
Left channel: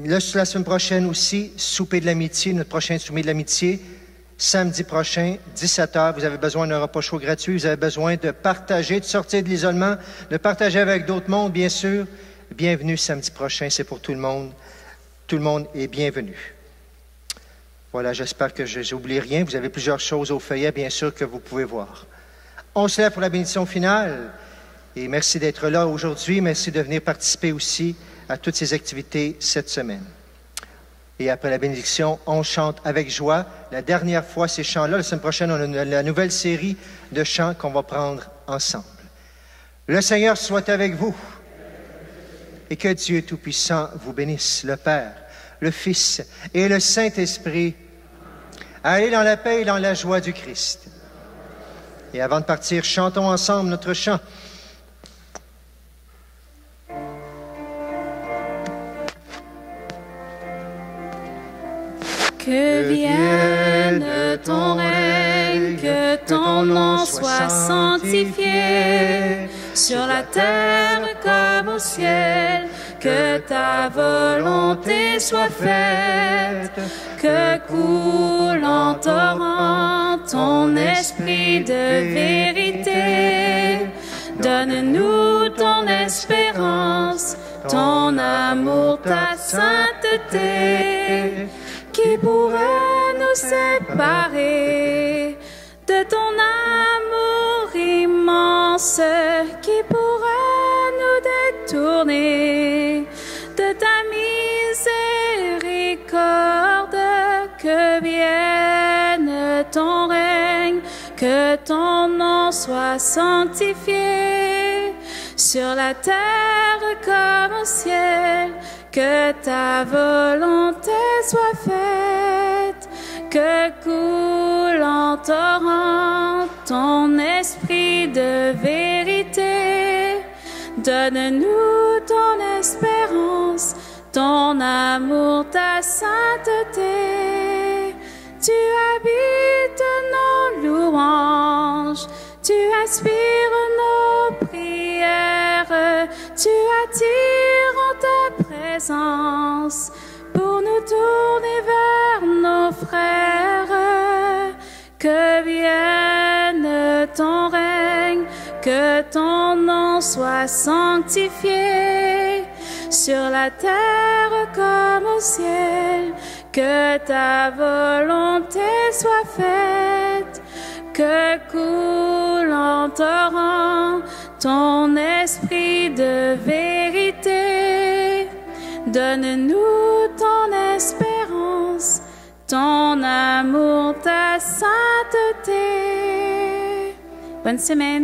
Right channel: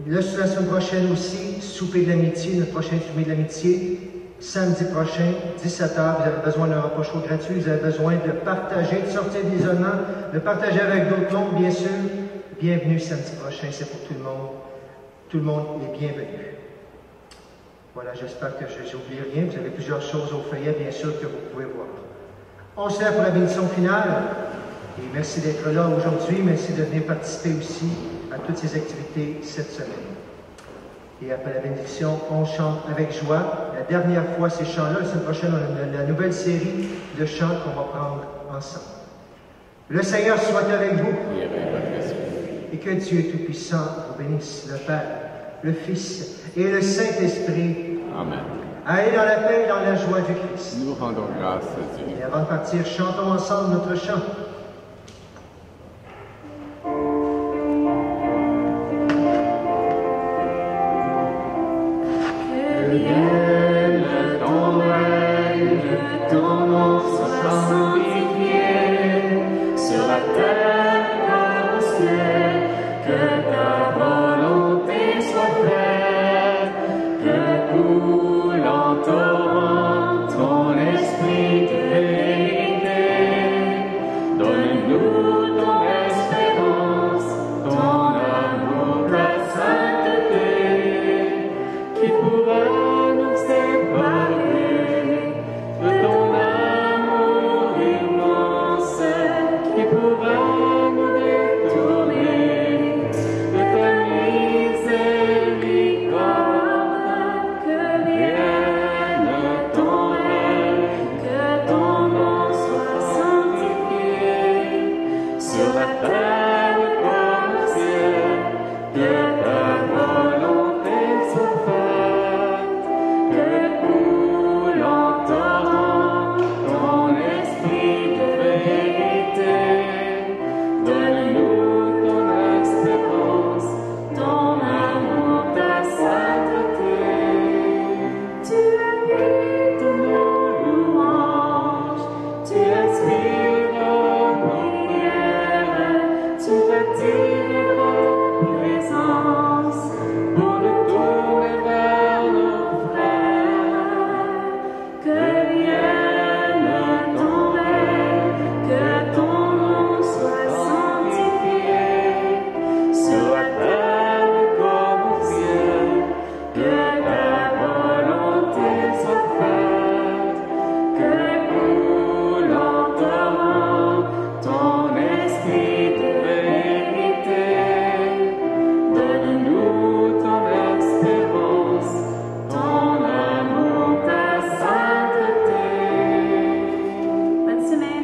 la semaine prochaine aussi, souper de l'amitié, notre prochain souper de l'amitié. Samedi prochain, 17h, vous avez besoin d'un repas chaud gratuit, vous avez besoin de partager, de sortir de l'isolement, de partager avec d'autres mondes, bien sûr. Bienvenue samedi prochain, c'est pour tout le monde. Tout le monde est bienvenu. Voilà, j'espère que je n'oublie rien. Vous avez plusieurs choses au feuillet, bien sûr, que vous pouvez voir. On se lève pour la bénédiction finale. Et merci d'être là aujourd'hui. Merci de venir participer aussi à toutes ces activités cette semaine. Et après la bénédiction, on chante avec joie. La dernière fois, ces chants-là, la semaine prochaine, on a la nouvelle série de chants qu'on va prendre ensemble. Le Seigneur soit avec vous. Et que Dieu Tout-Puissant vous bénisse, le Père, le Fils et le Saint-Esprit. Amen. Allez dans la paix et dans la joie du Christ. Nous rendons grâce à Dieu. Et avant de partir, chantons ensemble notre chant. Que vienne ton règne, que ton nom soit sanctifié sur la terre comme au ciel, que ta volonté soit faite, que coule en torrent ton esprit de vérité. Donne-nous ton espérance, ton amour, ta sainteté. Qui pourra nous séparer de ton amour immense? Qui pourra nous détourner de ta miséricorde? Que vienne ton règne, que ton nom soit sanctifié sur la terre comme au ciel, que ta volonté soit faite, que coule en torrent ton esprit de vérité. Donne-nous ton espérance, ton amour, ta sainteté. Tu habites nos louanges, tu aspires nos prières, tu attires en ta présence pour nous tourner vers nos frères. Que vienne ton règne, que ton nom soit sanctifié sur la terre comme au ciel, que ta volonté soit faite, que coule en torrent ton esprit de vérité. Donne-nous ton espérance, ton amour, ta sainteté. Bonne semaine.